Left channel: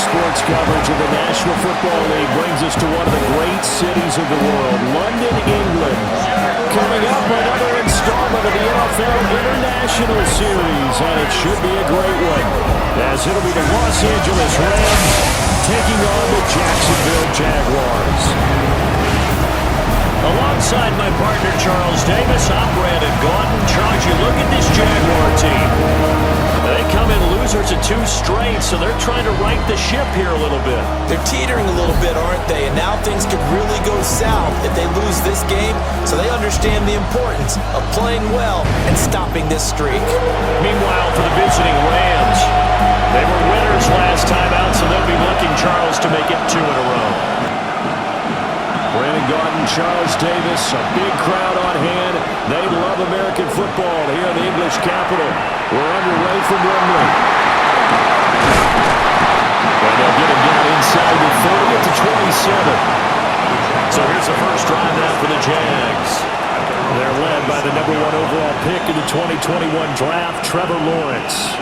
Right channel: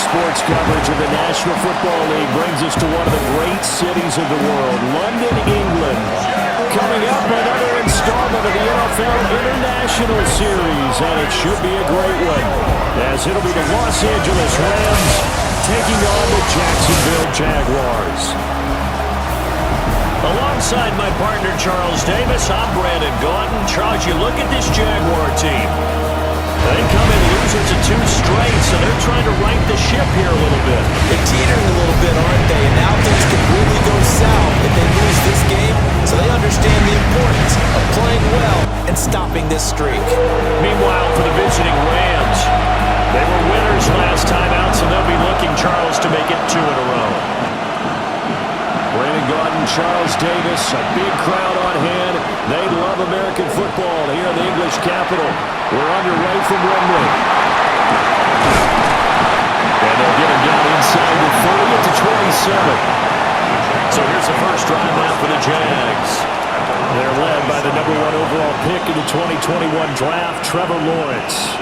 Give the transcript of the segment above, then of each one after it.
sports coverage of the National Football League brings us to one of the great cities of the world, London, England. Coming up, another installment of the NFL International Series, and it should be a great one, as it'll be the Los Angeles Rams taking on the Jacksonville Jaguars. Alongside my partner, Charles Davis, I'm Brandon Gaudin. Charles, you look at this Jaguar team. They come in losers of 2 straight, so they're trying to right the ship here a little bit. They're teetering a little bit, aren't they? And now things could really go south if they lose this game, so they understand the importance of playing well and stopping this streak. Meanwhile, for the visiting Rams, they were winners last time out, so they'll be looking, Charles, to make it 2 in a row. Brandon Gaudin, Charles Davis, a big crowd on hand. They love American football here in the English capital. We're underway from Wembley. And they'll get him down inside the 30 at the 27. So here's the first drive now for the Jags. They're led by the #1 overall pick in the 2021 draft, Trevor Lawrence.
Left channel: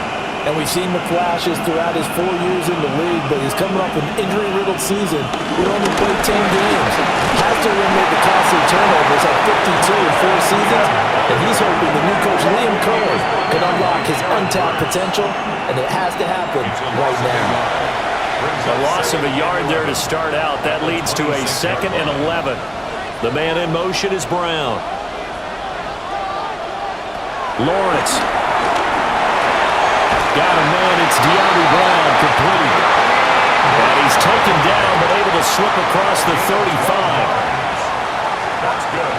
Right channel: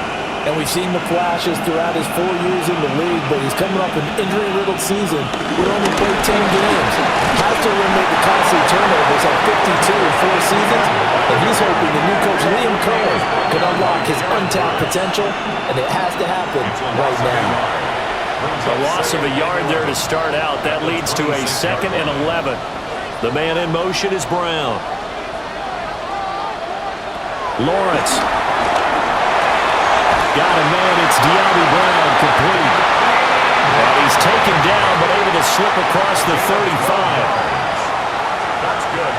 And we've seen the flashes throughout his 4 years in the league, but he's coming off an injury-riddled season. He only played 10 games. Has to eliminate the costly turnovers at 52 in 4 seasons, and he's hoping the new coach, Liam Cohen, can unlock his untapped potential, and it has to happen right now. A loss of a yard there to start out. That leads to a 2nd and 11. The man in motion is Brown. Lawrence. Got a man, it's De'Ami Brown, complete. And he's taken down, but able to slip across the 35. That's good.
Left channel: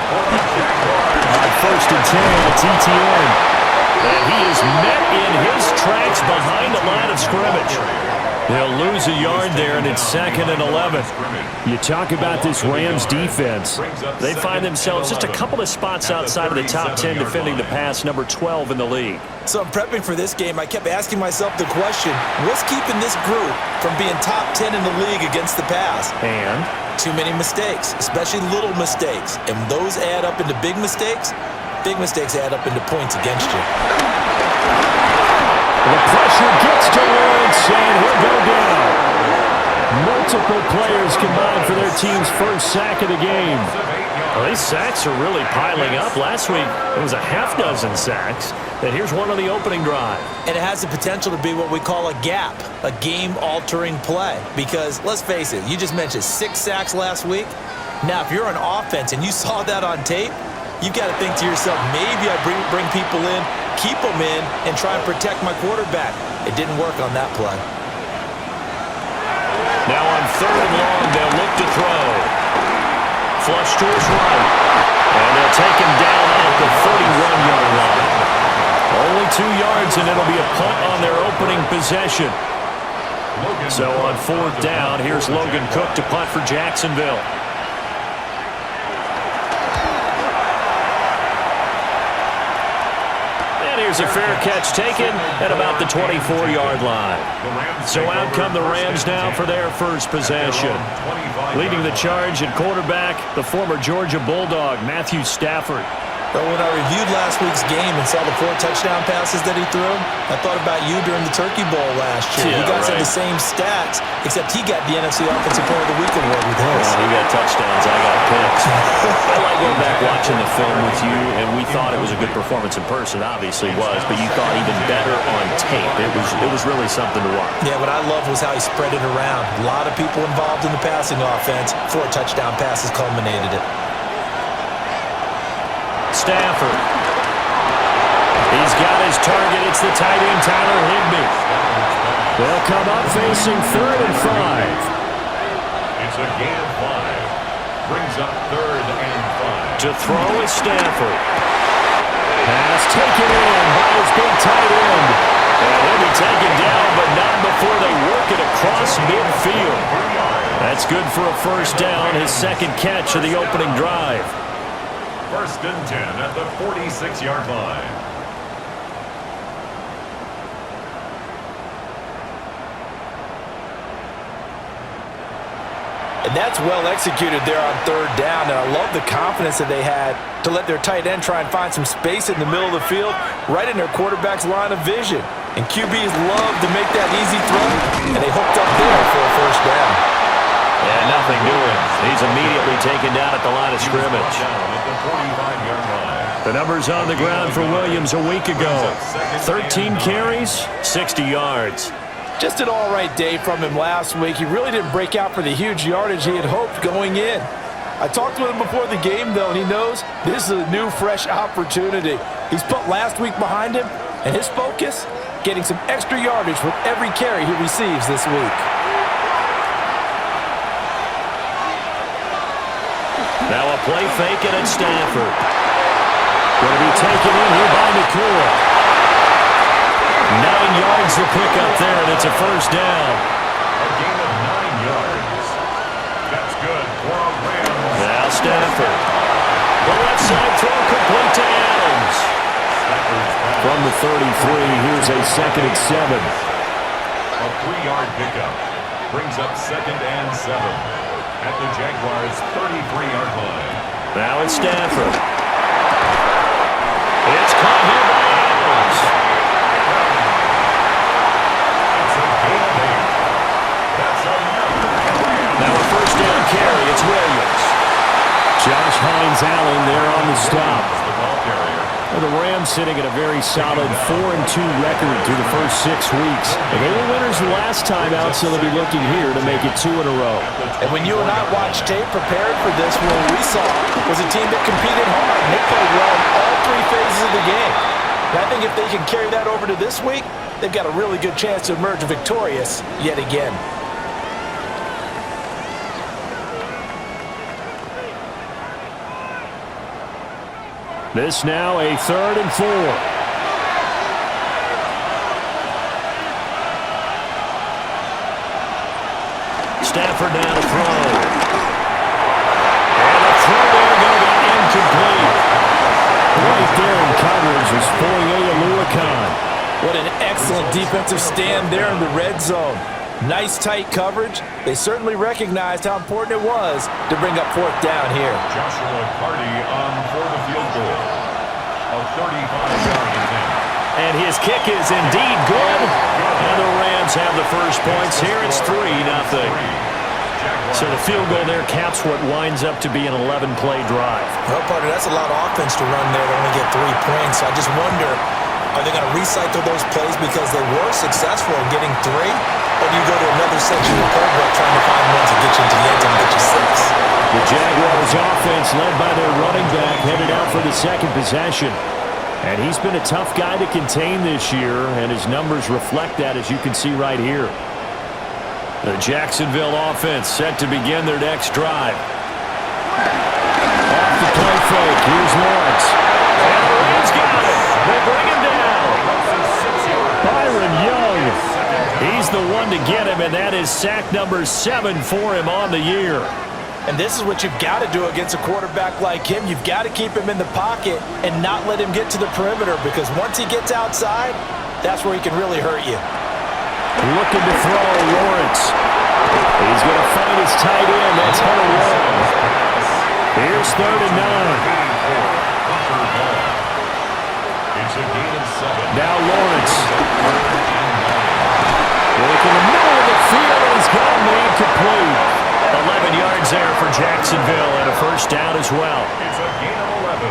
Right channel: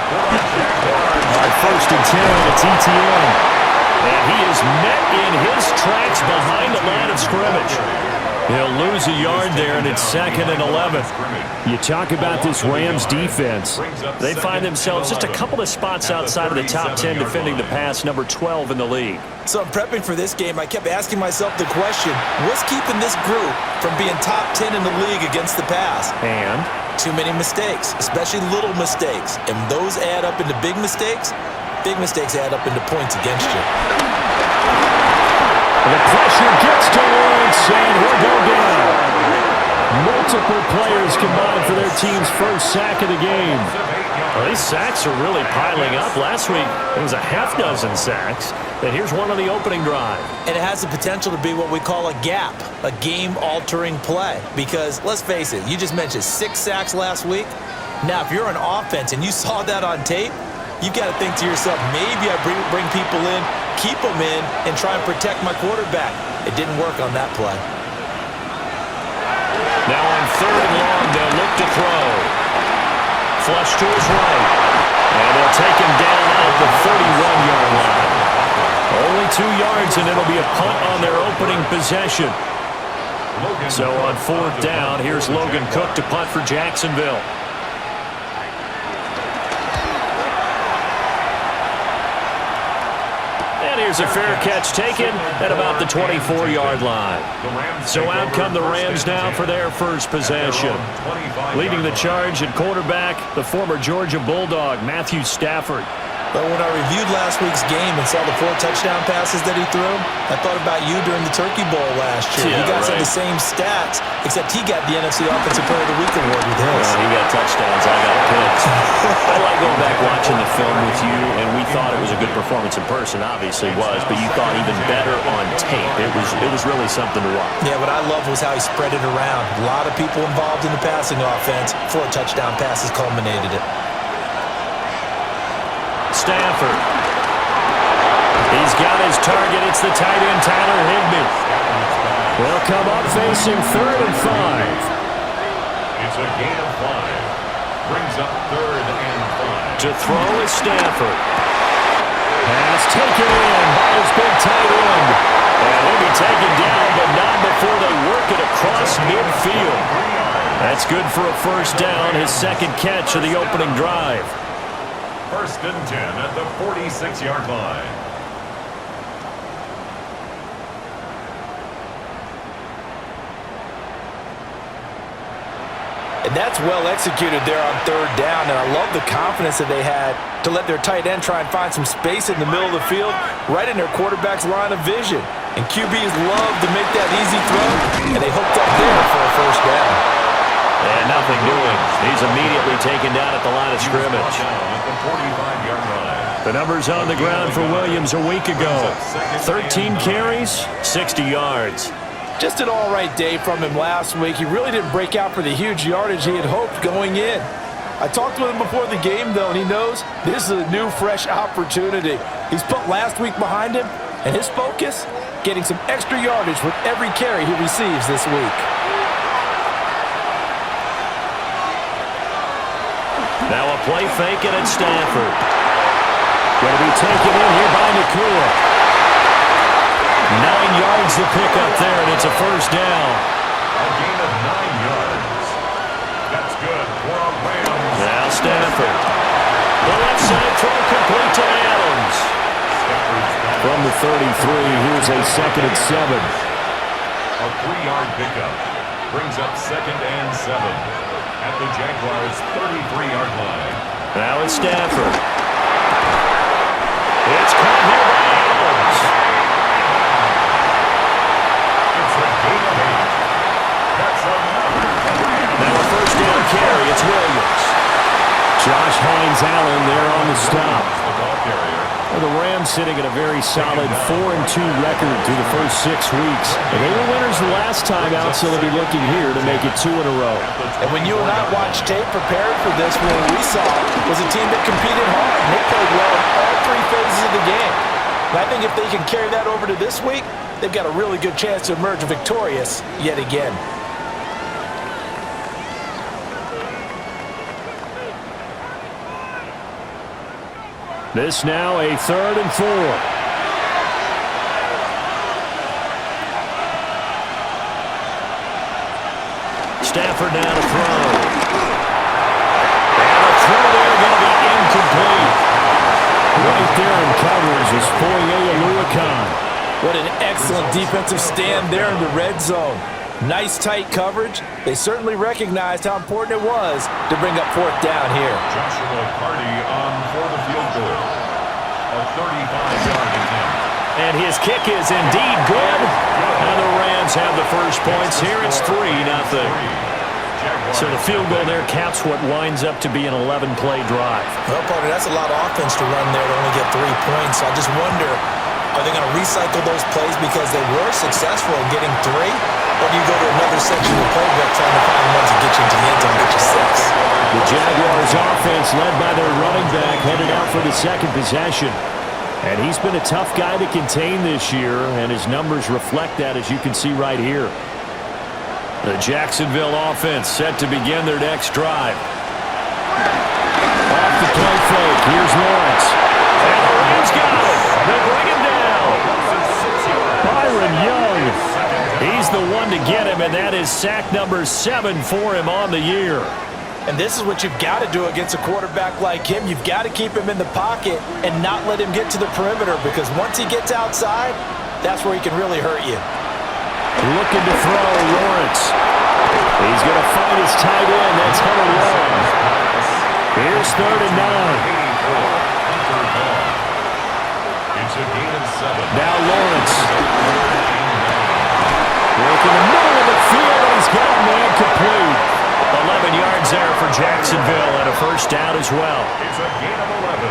On 1st and 10, it's ETN. And he is met in his tracks behind the line of scrimmage. He'll lose a yard there, and it's 2nd and 11. You talk about this Rams defense. They find themselves just a couple of spots outside of the top 10 defending the pass, number 12 in the league. So I'm prepping for this game. I kept asking myself the question, what's keeping this group from being top 10 in the league against the pass? And too many mistakes, especially little mistakes. And those add up into big mistakes. Big mistakes add up into points against you. The pressure gets to Lawrence, and he'll go down. Multiple players combined for their team's first sack of the game. Well, these sacks are really piling up. Last week, it was a half-dozen sacks. And here's one on the opening drive. And it has the potential to be what we call a gap, a game-altering play. Because, let's face it, you just mentioned 6 sacks last week. Now, if you're an offense and you saw that on tape, you've got to think to yourself, maybe I bring people in, keep them in, and try and protect my quarterback. It didn't work on that play. Now on 3rd and long, they'll look to throw. Flush to his right. And they'll take him down at the 31-yard line. Only 2 yards, and it'll be a punt on their opening possession. So on 4th down, here's Logan Cook to punt for Jacksonville. Here's a fair catch taken at about the 24-yard line. So out come the Rams now for their first possession. Leading the charge at quarterback, the former Georgia Bulldog, Matthew Stafford. But when I reviewed last week's game and saw the 4 touchdown passes that he threw, I thought about you during the Turkey Bowl last year. Yeah, you guys right. had the same stats, except he got the NFC Offensive Player of the Week award with his. He got touchdowns. I got picks. I like going back watching the film with you, and we thought it was a good performance in person. Obviously was, but you thought even better on tape. It was really something to watch. Yeah, what I loved was how he spread it around. A lot of people involved in the passing offense. 4 touchdown passes culminated it. Stafford. He's got his target. It's the tight end, Tyler Higbee. They'll come up facing 3rd and 5. It's a gain of 5. Brings up 3rd and 5. To throw is Stafford. Pass taken in by his big tight end. And he'll be taken down, but not before they work it across midfield. That's good for a first down, his 2nd catch of the opening drive. 1st and 10 at the 46-yard line. And that's well executed there on 3rd down, and I love the confidence that they had to let their tight end try and find some space in the middle of the field, right in their quarterback's line of vision. And QBs love to make that easy throw, and they hooked up there for a first down. And nothing doing. He's immediately taken down at the line of scrimmage. At the 45-yard line. The numbers on the ground for Williams a week ago. 13 carries, 60 yards. Just an all-right day from him last week. He really didn't break out for the huge yardage he had hoped going in. I talked with him before the game, though, and he knows this is a new, fresh opportunity. He's put last week behind him, and his focus, getting some extra yardage with every carry he receives this week. Now a play fake it at Stafford. Going to be taken in here by Nakua. 9 yards to pick up there, and it's a first down. A gain of 9 yards. That's good for a Rams. Now Stafford. The left side throw complete to Adams. From the 33, here's a 2nd and 7. A 3-yard pickup brings up 2nd and 7 at the Jaguars' 33-yard line. Now it's Stafford. It's caught here by Adams. It's a gain of 8. That's another Rams. Now a first down carry. It's Williams. Josh Hines-Allen there on the stop. The ball carrier. The Rams sitting at a very solid 4-2 record through the first 6 weeks. And they were winners the last time out, so they'll be looking here to make it 2 in a row. And when you and I watched tape prepared for this, what we saw was a team that competed hard. And they played well in all 3 phases of the game. And I think if they can carry that over to this week, they've got a really good chance to emerge victorious yet again. This now a 3rd and 4. Stafford now to throw. And the throw there going to be incomplete. Right there in coverage is Foye Oluokun. What an excellent defensive stand there in the red zone. Nice tight coverage. They certainly recognized how important it was to bring up 4th down here. Joshua Carty on for the field goal. A 35-yard attempt. And his kick is indeed good. And the Rams have the first points here. It's 3-0. So the field goal there caps what winds up to be an 11-play drive. Well, partner, that's a lot of offense to run there to only get 3 points. I just wonder, are they going to recycle those plays because they were successful in getting 3? Or do you go to another section of the playbook trying to find ones that get you into the end zone and get you 6? The Jaguars offense led by their running back headed out for the 2nd possession. And he's been a tough guy to contain this year, and his numbers reflect that, as you can see right here. The Jacksonville offense set to begin their next drive. Off the play fake, here's Lawrence. And the Rams got it. They bring him down. Byron Young. He's the one to get him, and that is sack number 7 for him on the year. And this is what you've got to do against a quarterback like him. You've got to keep him in the pocket and not let him get to the perimeter, because once he gets outside, that's where he can really hurt you. Looking to throw, Lawrence. He's going to find his tight end. That's Hunter Long. Here's 3rd and 9. It's a gain of 7. Now Lawrence. Working the middle of the field, and he's got a man complete. 11 yards there for Jacksonville, and a first down as well. It's a gain of 11.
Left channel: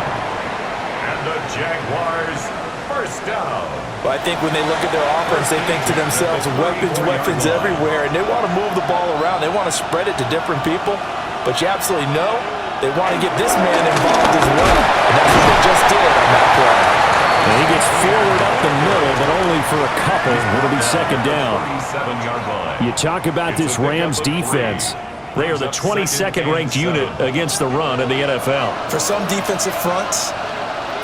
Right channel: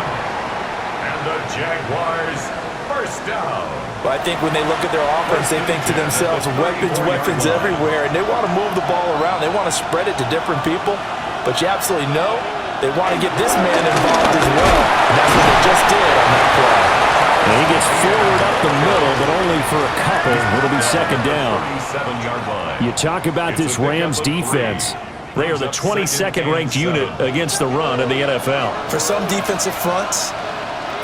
And the Jaguars first down. But I think when they look at their offense, they think to themselves, weapons everywhere, and they want to move the ball around. They want to spread it to different people. But you absolutely know they want to get this man involved as well, and that's what they just did on that play. And he gets forward up the middle, but only for a couple. It'll be 2nd down. 37-yard line. You talk about this Rams defense. They are the 22nd ranked unit against the run in the NFL. For some defensive fronts,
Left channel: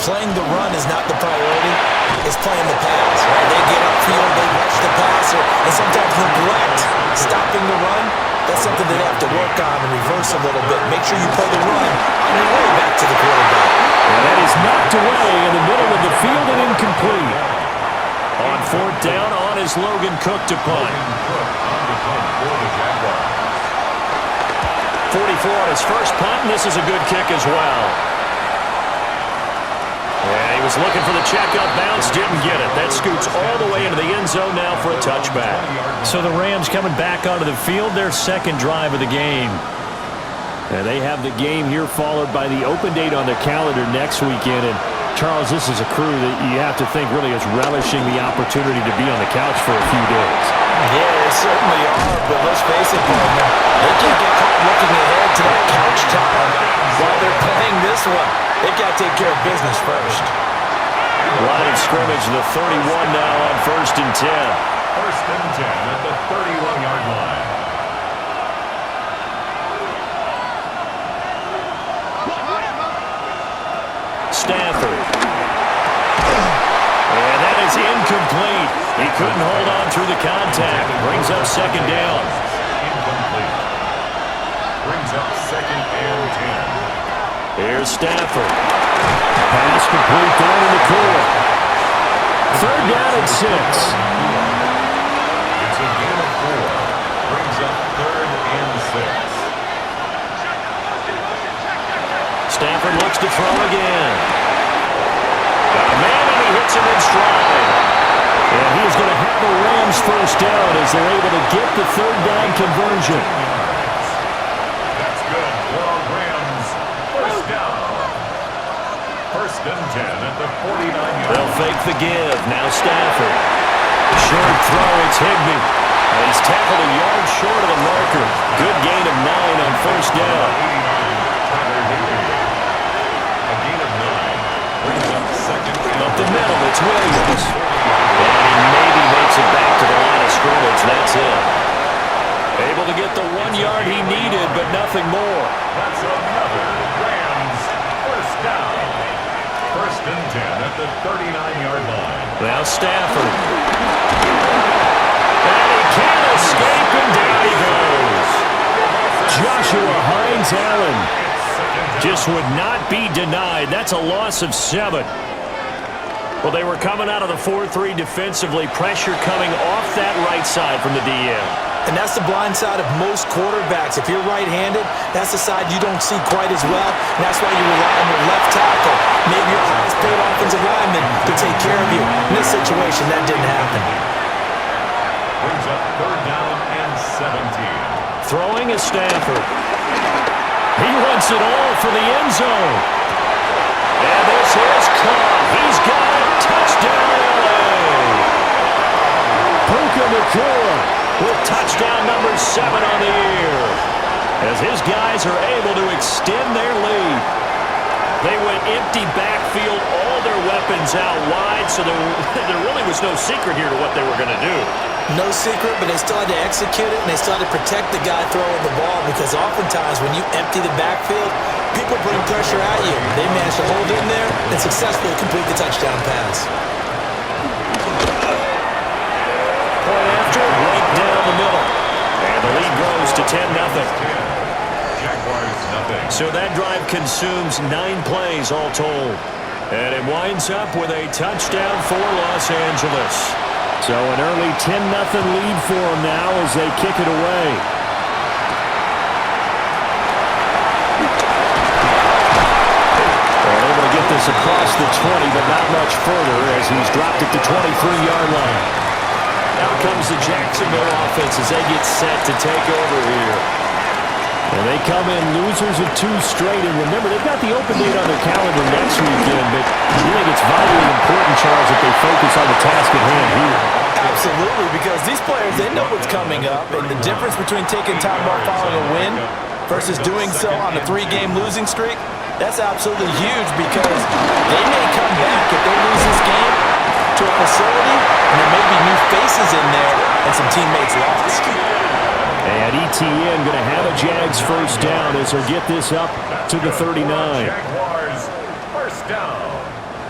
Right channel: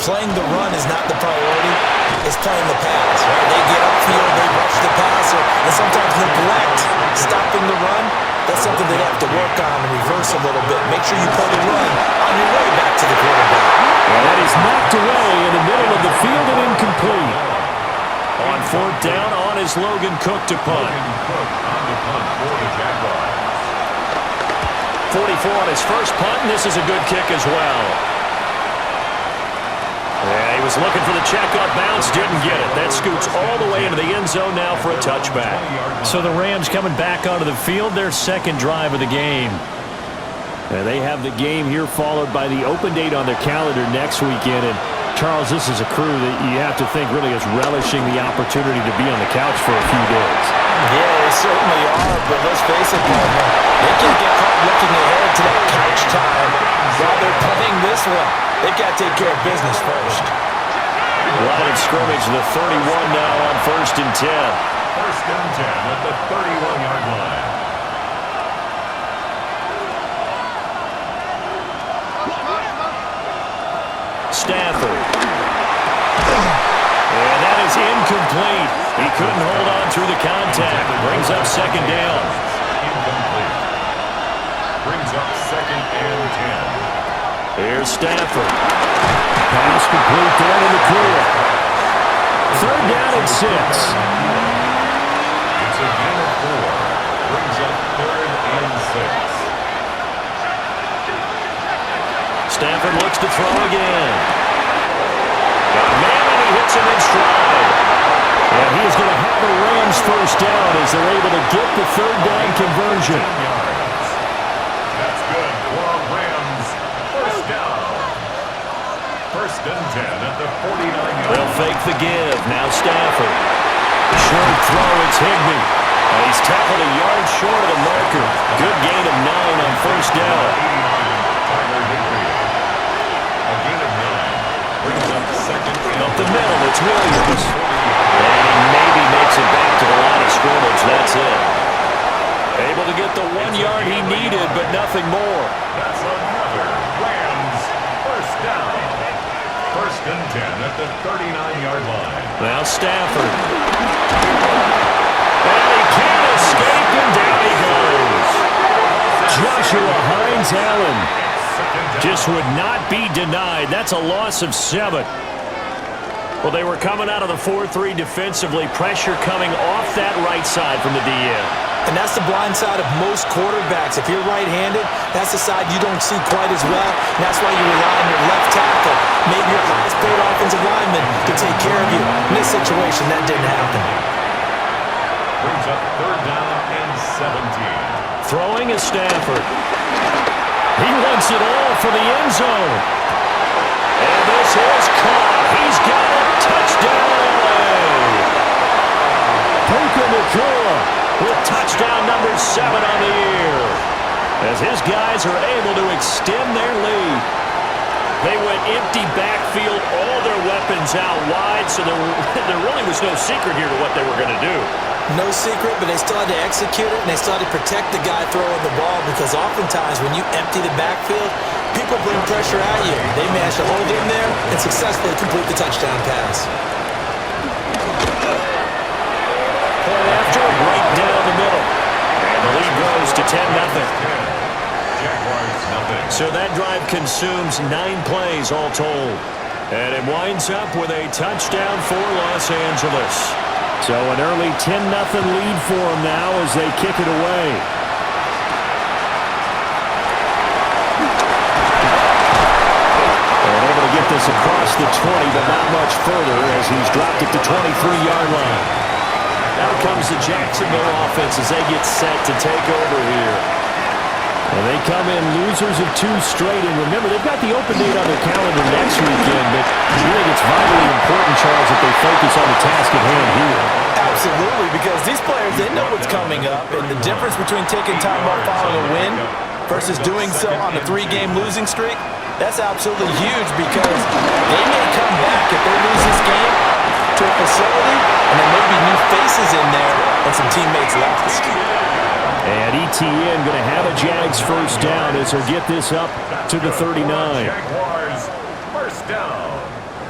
playing the run is not the priority. It's playing the pass, right? They get upfield, they rush the passer, and sometimes neglect stopping the run. That's something they have to work on and reverse a little bit. Make sure you play the run on your way back to the quarterback. And that is knocked away in the middle of the field and incomplete. On 4th down, on is Logan Cook to punt. Logan Cook on the punt for the Jaguars. 44 on his first punt, and this is a good kick as well. And he was looking for the checkup bounce, didn't get it. That scoots all the way into the end zone now for a touchback. So the Rams coming back onto the field, their second drive of the game. And they have the game here followed by the open date on their calendar next weekend. And Charles, this is a crew that you have to think really is relishing the opportunity to be on the couch for a few days. Yeah, they certainly are, but let's face it, partner, they can't get caught looking ahead to that couch time while they're playing this one. They've got to take care of business first. Line of scrimmage, the 31 now on 1st and 10. 1st and 10 at the 31-yard line. Stafford. And that is incomplete. He couldn't hold on through the contact. Brings up second down. Incomplete. Brings up 2nd and 10. Here's Stafford. Pass complete down in the corner. 3rd down and 6. It's a gain of 4. Brings up 3rd and 6. Stafford looks to throw again. Got a man, and he hits him in stride. And he is going to have a Rams first down as they're able to get the 3rd down conversion. Yards. That's good for a Rams first down. 1st and 10 at the 49-yard line. They'll fake the give. Now Stafford. Short throw, it's Higbee. And he's tackled a yard short of the marker. Good gain of 9 on 1st down. 89, Tyler Higbee. A gain of 9. Brings up 2nd and Up the middle, it's Williams. And he maybe makes it back to the line of scrimmage. That's it. Able to get the 1 yard he needed, but nothing more. That's another Rams first down. 1st and 10 at the 39-yard line. Now Stafford. And he can't escape, and down he goes. Joshua Hines-Allen Just would not be denied. That's a loss of 7. Well, they were coming out of the 4-3 defensively. Pressure coming off that right side from the DN. And that's the blind side of most quarterbacks. If you're right-handed, that's the side you don't see quite as well. And that's why you rely on your left tackle, maybe your highest-paid offensive lineman, to take care of you. In this situation, that didn't happen. Brings up 3rd down and 17. Throwing is Stafford. He wants it all for the end zone. And this is caught. He's got it. Touchdown, L.A. Puka Nacua with touchdown number 7 on the year. As his guys are able to extend their lead. They went empty backfield, all their weapons out wide, so there really was no secret here to what they were going to do. No secret, but they still had to execute it, and they still had to protect the guy throwing the ball, because oftentimes when you empty the backfield, people bring pressure at you. They managed to hold in there and successfully complete the touchdown pass. Point after, right down the middle. And the lead grows to 10-0. Jaguars nothing. So that drive consumes 9 plays all told. And it winds up with a touchdown for Los Angeles. So an early 10-0 lead for them now as they kick it away. And able to get this across the 20, but not much further as he's dropped it to 23-yard line. Now comes the Jacksonville offense as they get set to take over here. And they come in losers of 2 straight. And remember, they've got the open date on their calendar next weekend, but you think it's vitally important, Charles, that they focus on the task at hand here. Absolutely, because these players, they know what's coming up, and the difference between taking time off following a win versus doing so on a 3-game losing streak, that's absolutely huge, because they may come back if they lose this game to a facility, and there may be new faces in there and some teammates lost. And ETN going to have a Jags first down as he'll get this up to the 39. Jaguars first down.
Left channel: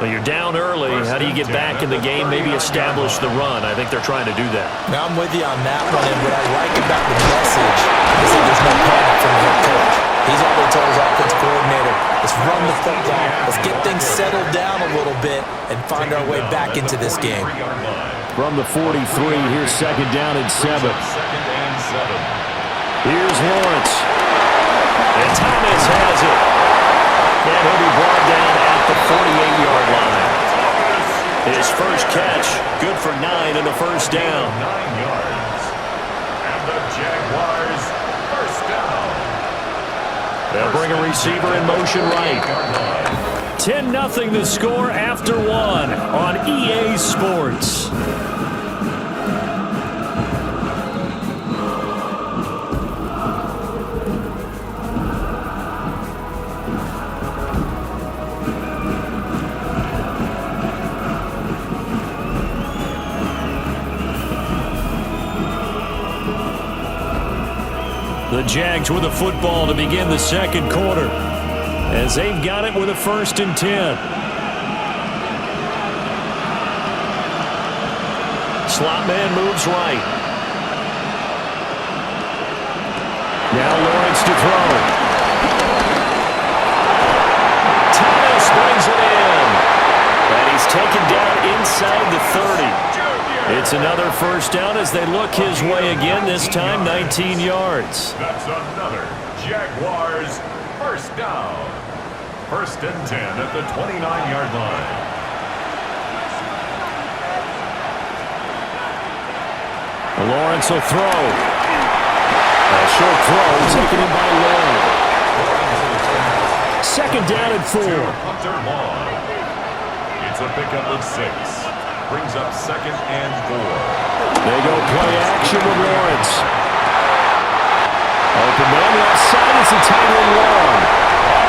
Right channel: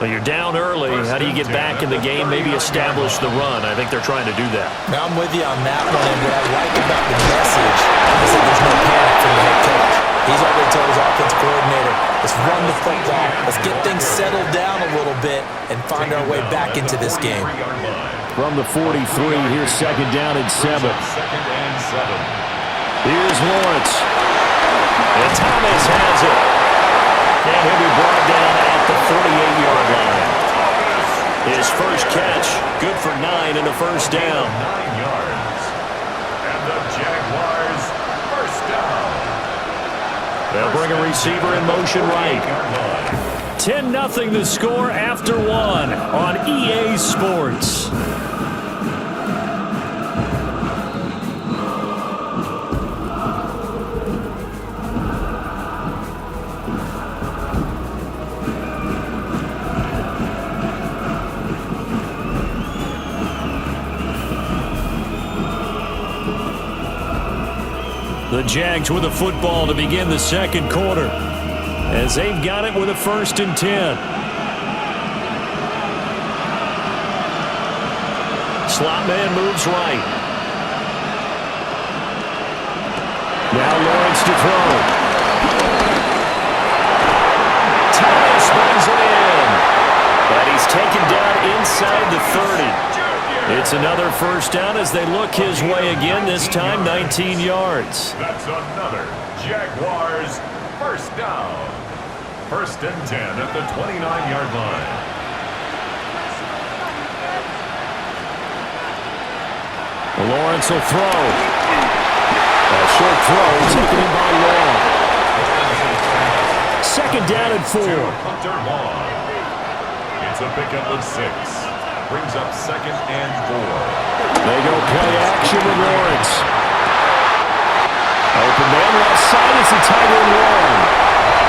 Well, you're down early. How do you get back in the game? Maybe establish the run. I think they're trying to do that. Now, I'm with you on that one, and what I like about the message is that there's no panic from the head coach. He's already told his offensive coordinator, let's run the football, let's get things settled down a little bit and find our way back into this game. From the 43, here's 2nd down and 7. 2nd and 7. Here's Lawrence. And Thomas has it. And he'll be brought down at the 48-yard line. His first catch, good for 9 and a first down. 9 yards. And the Jaguars, first down. They'll bring a receiver in motion right. 10-0 the score after 1 on EA Sports. The Jags with the football to begin the second quarter, as they've got it with a 1st and 10. Slot man moves right. Now Lawrence to throw. Thomas brings it in. And he's taken down inside the 30. It's another first down as they look his way again, this time 19 yards. That's another Jaguars first down. 1st and 10 at the 29-yard line. Lawrence will throw. A short throw taken in by Long. 2nd down and 4. Hunter Long. It's a pickup of 6. Brings up 2nd and 4. They go play action with Lawrence. Open man left side is the tight end Long.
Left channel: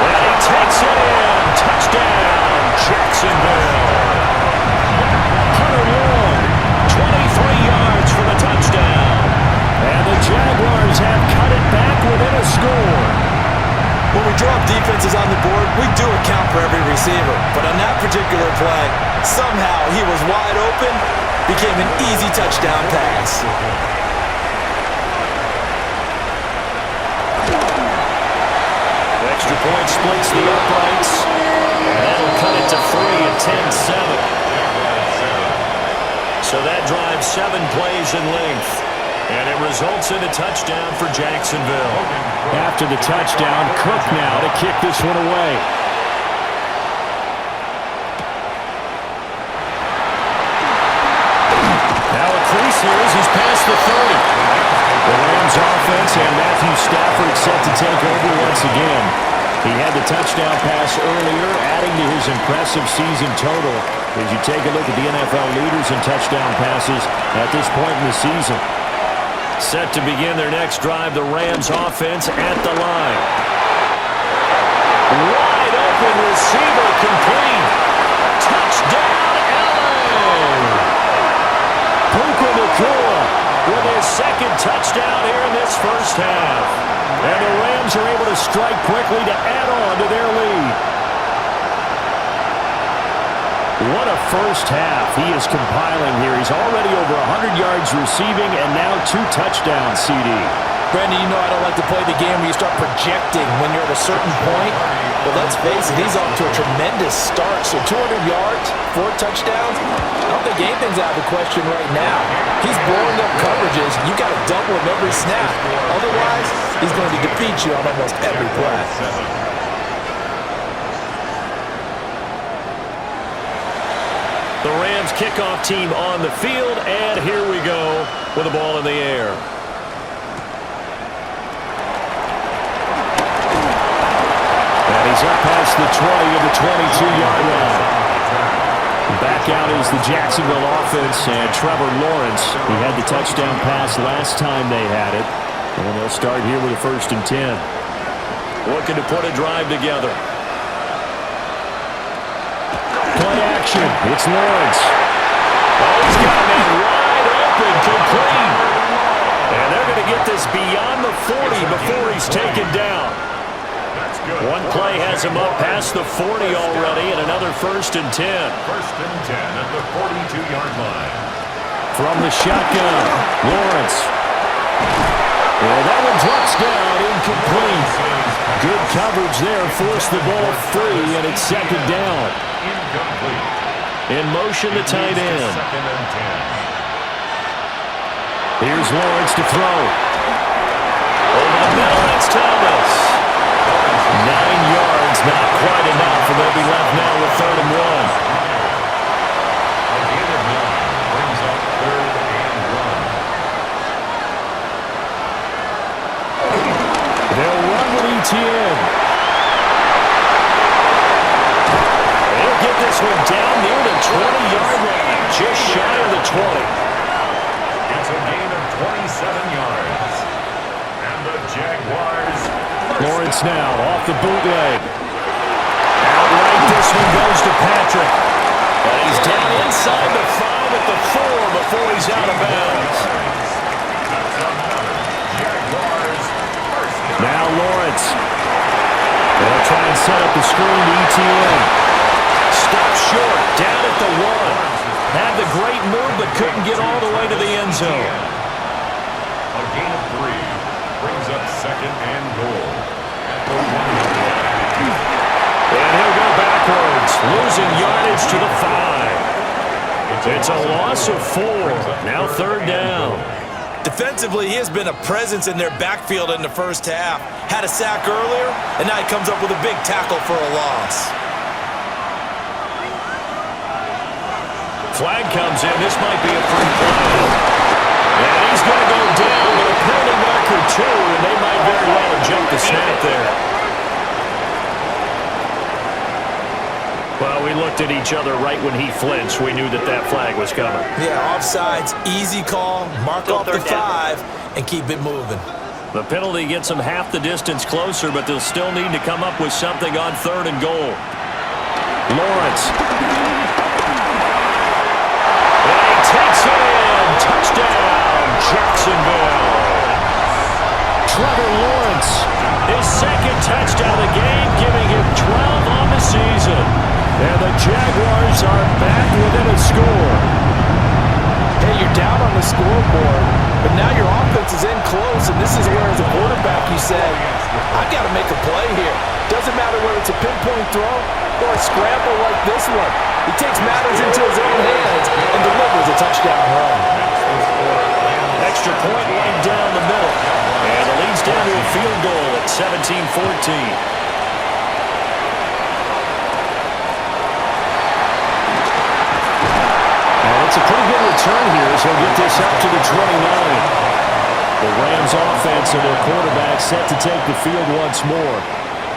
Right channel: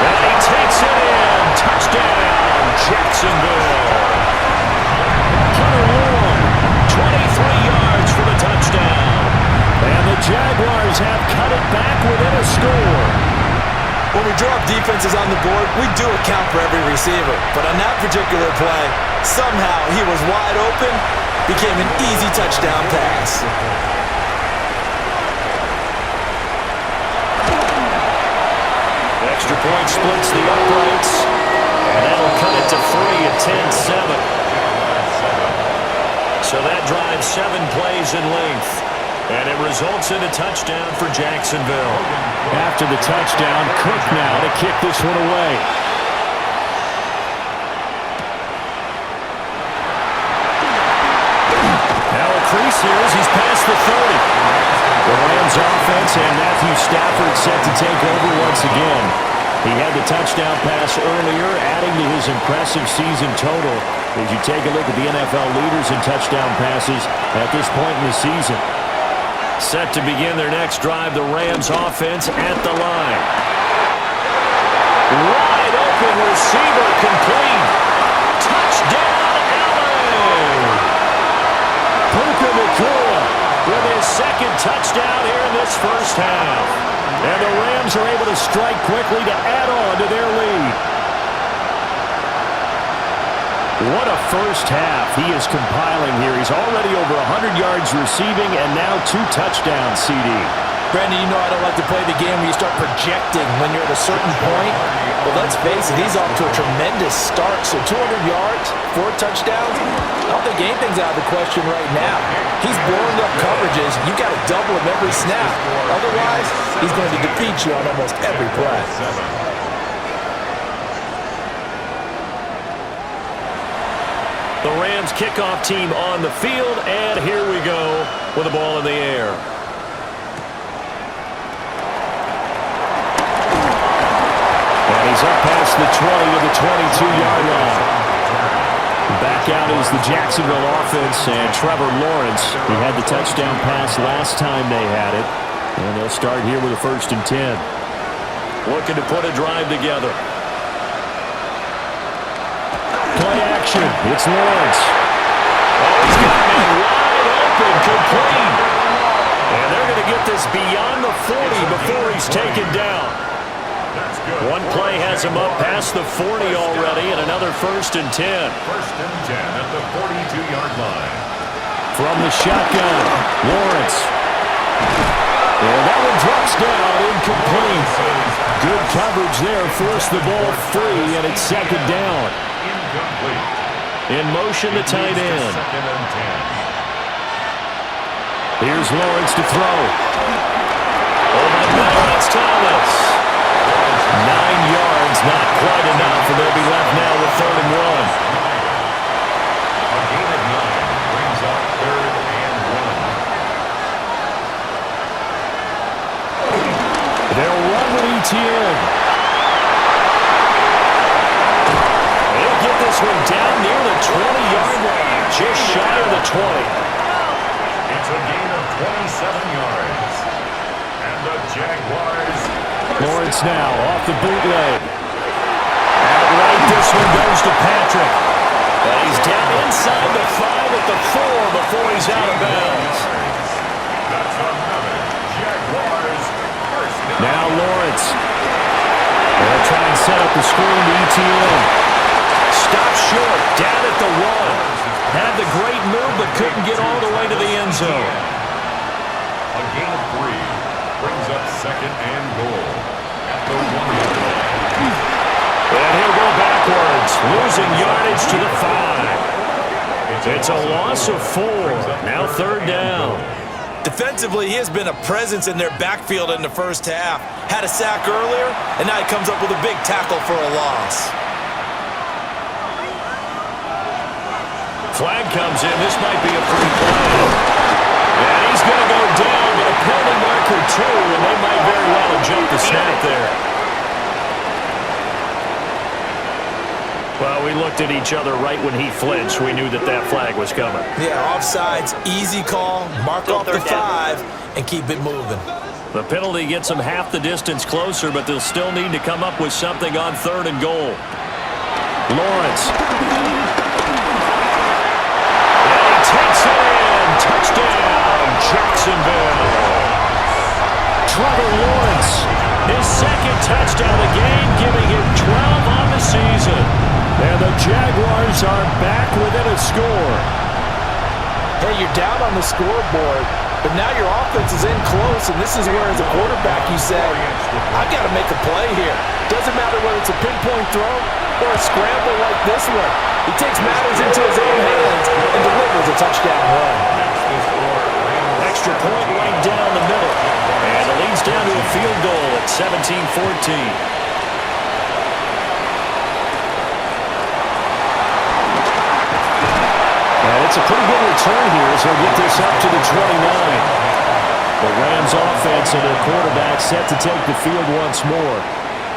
And he takes it in. Touchdown, Jacksonville. Hunter Long, 23 yards for the touchdown. and the Jaguars have cut it back within a score. When we draw up defenses on the board, we do account for every receiver. But on that particular play, somehow he was wide open, became an easy touchdown pass. Extra point splits the uprights, and that'll cut it to 3 at 10-7. So that drives 7 plays in length, and it results in a touchdown for Jacksonville. After the touchdown, Cook now to kick this one away. Now a crease here as he's past the 30. The Rams offense and Matthew Stafford set to take over once again. He had the touchdown pass earlier, adding to his impressive season total as you take a look at the NFL leaders in touchdown passes at this point in the season. Set to begin their next drive, the Rams offense at the line. Wide open receiver complete. Touchdown, LA! Puka Nacua with his second touchdown here in this first half. And the Rams are able to strike quickly to add on to their lead. What a first half he is compiling here. He's already over 100 yards receiving and now 2 touchdowns, CD. Brandon, you know I don't like to play the game where you start projecting when you're at a certain point. But let's face it, he's off to a tremendous start. So 200 yards, 4 touchdowns. I don't think anything's out of the question right now. He's blowing up coverages. You got to double him every snap. Otherwise, he's going to defeat you on almost every play. The Rams kickoff team on the field, and here we go with the ball in the air. And he's up past the 20 to the 22-yard line. Back out is the Jacksonville offense and Trevor Lawrence. He had the touchdown pass last time they had it. And they'll start here with a 1st and 10. Looking to put a drive together. Play action. It's Lawrence. Oh, he's got a man wide open, complete. And they're going to get this beyond the 40 before he's taken down. That's good. One play has him up past the 40 already, and another 1st and 10. 1st and 10 at the 42-yard line. From the shotgun, Lawrence. And that one drops down, incomplete. Good coverage there, forced the ball free, and it's 2nd down. Incomplete. In motion, the tight end. 2nd and 10. Here's Lawrence to throw. Over the middle, it's Thomas. 9 yards, not quite enough, and they'll be left now with 3rd and 1. up 3rd and 1. They'll run with ETN. They'll get this one down near the 20-yard line, just shy of the 20. It's a gain of 27 yards. And the Jaguars. Lawrence now off the bootleg. Outright, this one goes to Patrick. And he's down inside the 5 at the 4 before he's out of bounds. That's another Jaguars first down. Now Lawrence. They'll try and set up the screen to ETN. Stop short, down at the 1. Had the great move, but couldn't get all the way to the end zone. A gain of 3 brings up 2nd and goal at the 1-yard line. And he'll go backwards, losing yardage to the 5. It's a loss of 4. Now 3rd down. Defensively, he has been a presence in their backfield in the first half. Had a sack earlier, and now he comes up with a big tackle for a loss. Flag comes in. This might be a free play. And he's going to go down, but a penalty marker too, and they might very well have jumped the snap there. Well, we looked at each other right when he flinched. We knew that that flag was coming. Yeah, offsides, easy call, mark off the 5, and keep it moving. The penalty gets them half the distance closer, but they'll still need to come up with something on 3rd and goal. Lawrence. And he takes it in. Touchdown, Jacksonville. Trevor Lawrence, his 2nd touchdown of the game, giving him 12 on the season. And the Jaguars are back within a score. Hey, you're down on the scoreboard, but now your offense is in close, and this is where, as a quarterback, you say, I've got to make a play here. Doesn't matter whether it's a pinpoint throw or a scramble like this one. He takes matters into his own hands and delivers a touchdown run. Extra point right down the middle. And it leads down to a field goal at 17-14. And it's a pretty good return here as he'll get this up to the 29. The Rams offense and their quarterback set to take the field once more.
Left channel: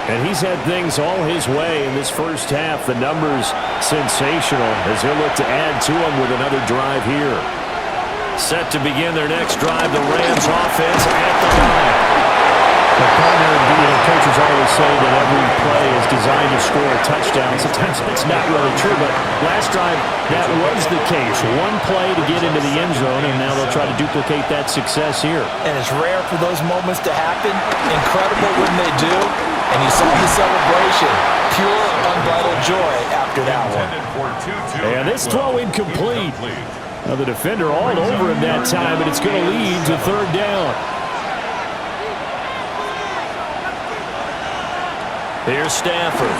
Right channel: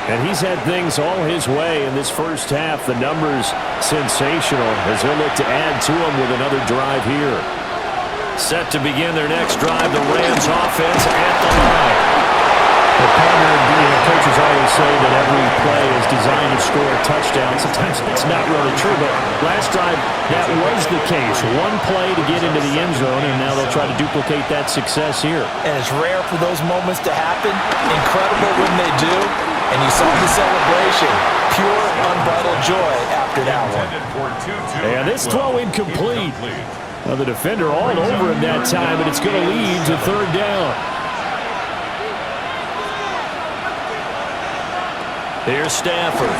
And he's had things all his way in this first half. The numbers sensational as he'll look to add to them with another drive here. Set to begin their next drive, the Rams offense at the line. The partner, coaches always say that every play is designed to score a touchdown. Sometimes that's not really true, but last drive, that was the case. One play to get into the end zone, and now they'll try to duplicate that success here. And it's rare for those moments to happen. Incredible when they do. And you saw the celebration. Pure, unbridled joy after that one. And this throw incomplete. Now the defender all over him that time, and it's going to lead to 3rd down. Here's Stafford.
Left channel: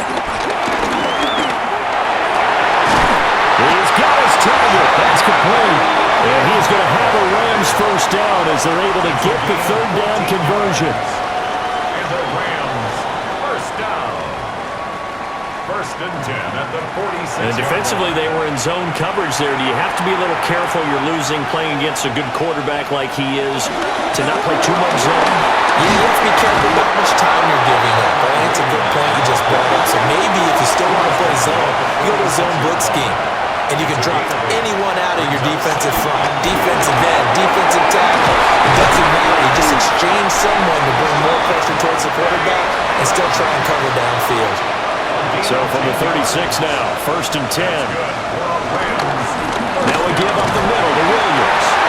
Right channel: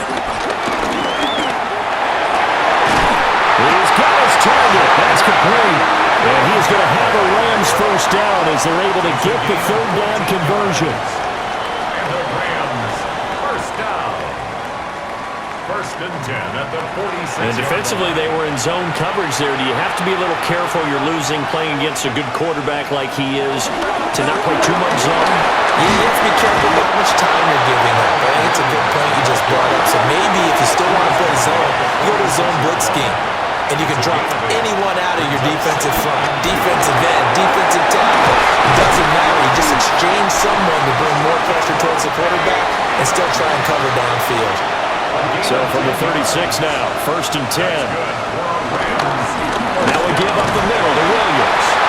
He's got his target. That's complete. And he is going to have a Rams first down as they're able to get the 3rd down conversion. And the Rams first down. 1st and 10 at the 46. And defensively, they were in zone coverage there. Do you have to be a little careful? You're losing playing against a good quarterback like he is to not play too much zone? Yeah, you have to be careful about how much time you're giving up. I think it's a good point you just brought up. So maybe if you still want to play zone, you go to a zone blitz scheme. And you can drop anyone out of your defensive front, defensive end, defensive tackle. It doesn't matter. You just exchange someone to bring more pressure towards the quarterback and still try and cover downfield. So from the 36 now, 1st and 10. Now we give up the middle to Williams.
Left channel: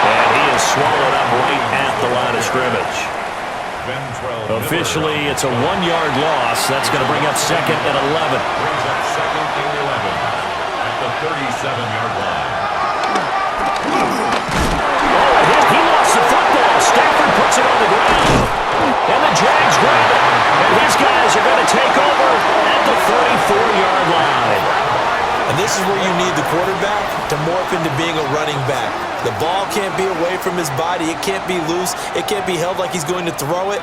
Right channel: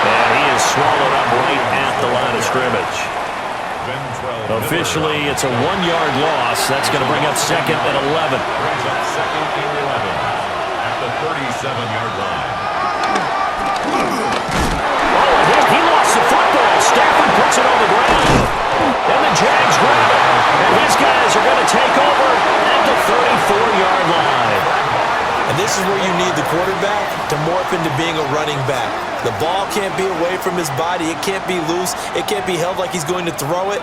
And he is swallowed up right at the line of scrimmage. Officially, it's a 1-yard loss. That's going to bring up 2nd and 11. Brings up 2nd and 11 at the 37-yard line. Oh, he lost the football. Stafford puts it on the ground. And the Jags grab it. And his guys are going to take over at the 34-yard line. And this is where you need the quarterback to morph into being a running back. The ball can't be away from his body. It can't be loose. It can't be held like he's going to throw it.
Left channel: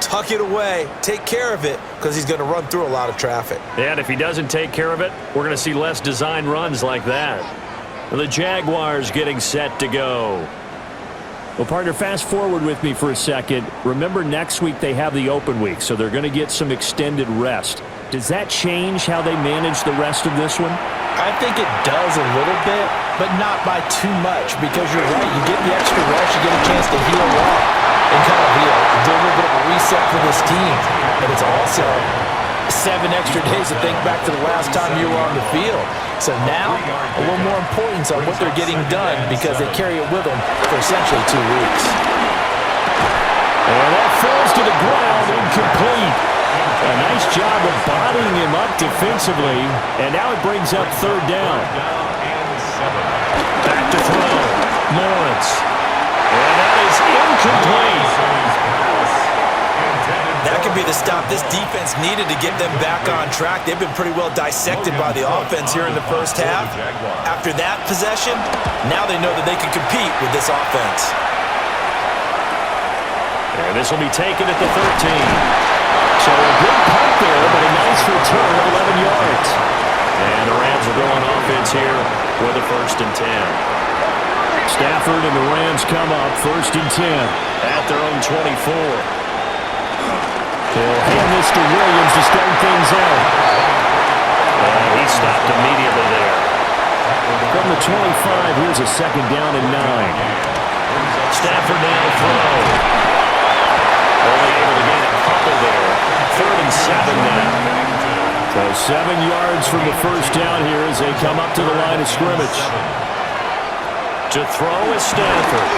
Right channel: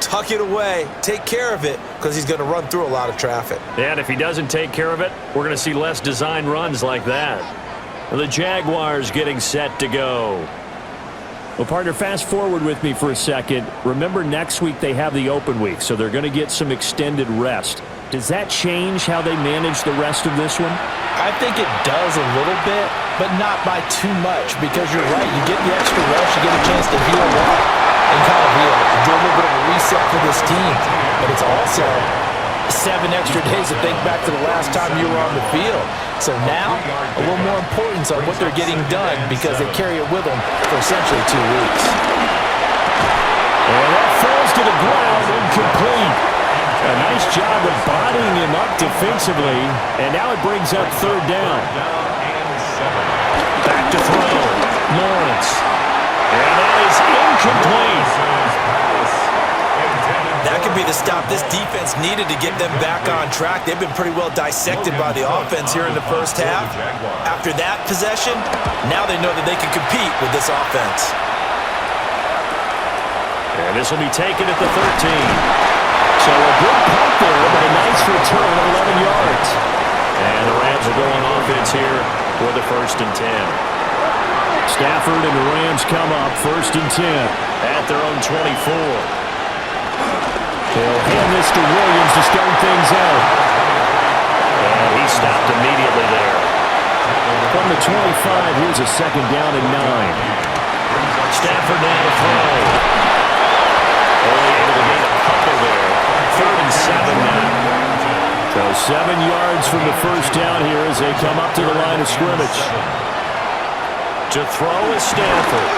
Tuck it away. Take care of it because he's going to run through a lot of traffic. And if he doesn't take care of it, we're going to see less design runs like that. The Jaguars getting set to go. Well, partner, fast forward with me for a second. Remember, next week they have the open week, so they're going to get some extended rest. Does that change how they manage the rest of this one? I think it does a little bit, but not by too much, because you're right. You get the extra rest, you get a chance to heal up and kind of do a little bit of a reset for this team. But it's also 7 extra days to think back to the last time you were on the field. So now, a little more importance on what they're getting done, because they carry it with them for essentially 2 weeks. And that falls to the ground, incomplete. A nice job of bodying him up defensively, and now it brings up 3rd down. Back to throw, Lawrence. And that is incomplete. That could be the stop this defense needed to get them back on track. They've been pretty well dissected by the offense here in the first half. After that possession, now they know that they can compete with this offense. And this will be taken at the 13. So a good punt there, but a nice return of 11 yards. And the Rams will go on offense here with a 1st and 10. Stafford and the Rams come up 1st and 10. At their own 24. They'll hand this to Williams to start things out. And he stopped immediately there. From the 25, here's a 2nd down and 9. Stafford now to throw. Only able to gain a couple there. 3rd and 7 now. So 7 yards from the 1st down here as they come up to the line of scrimmage. To throw is Stafford.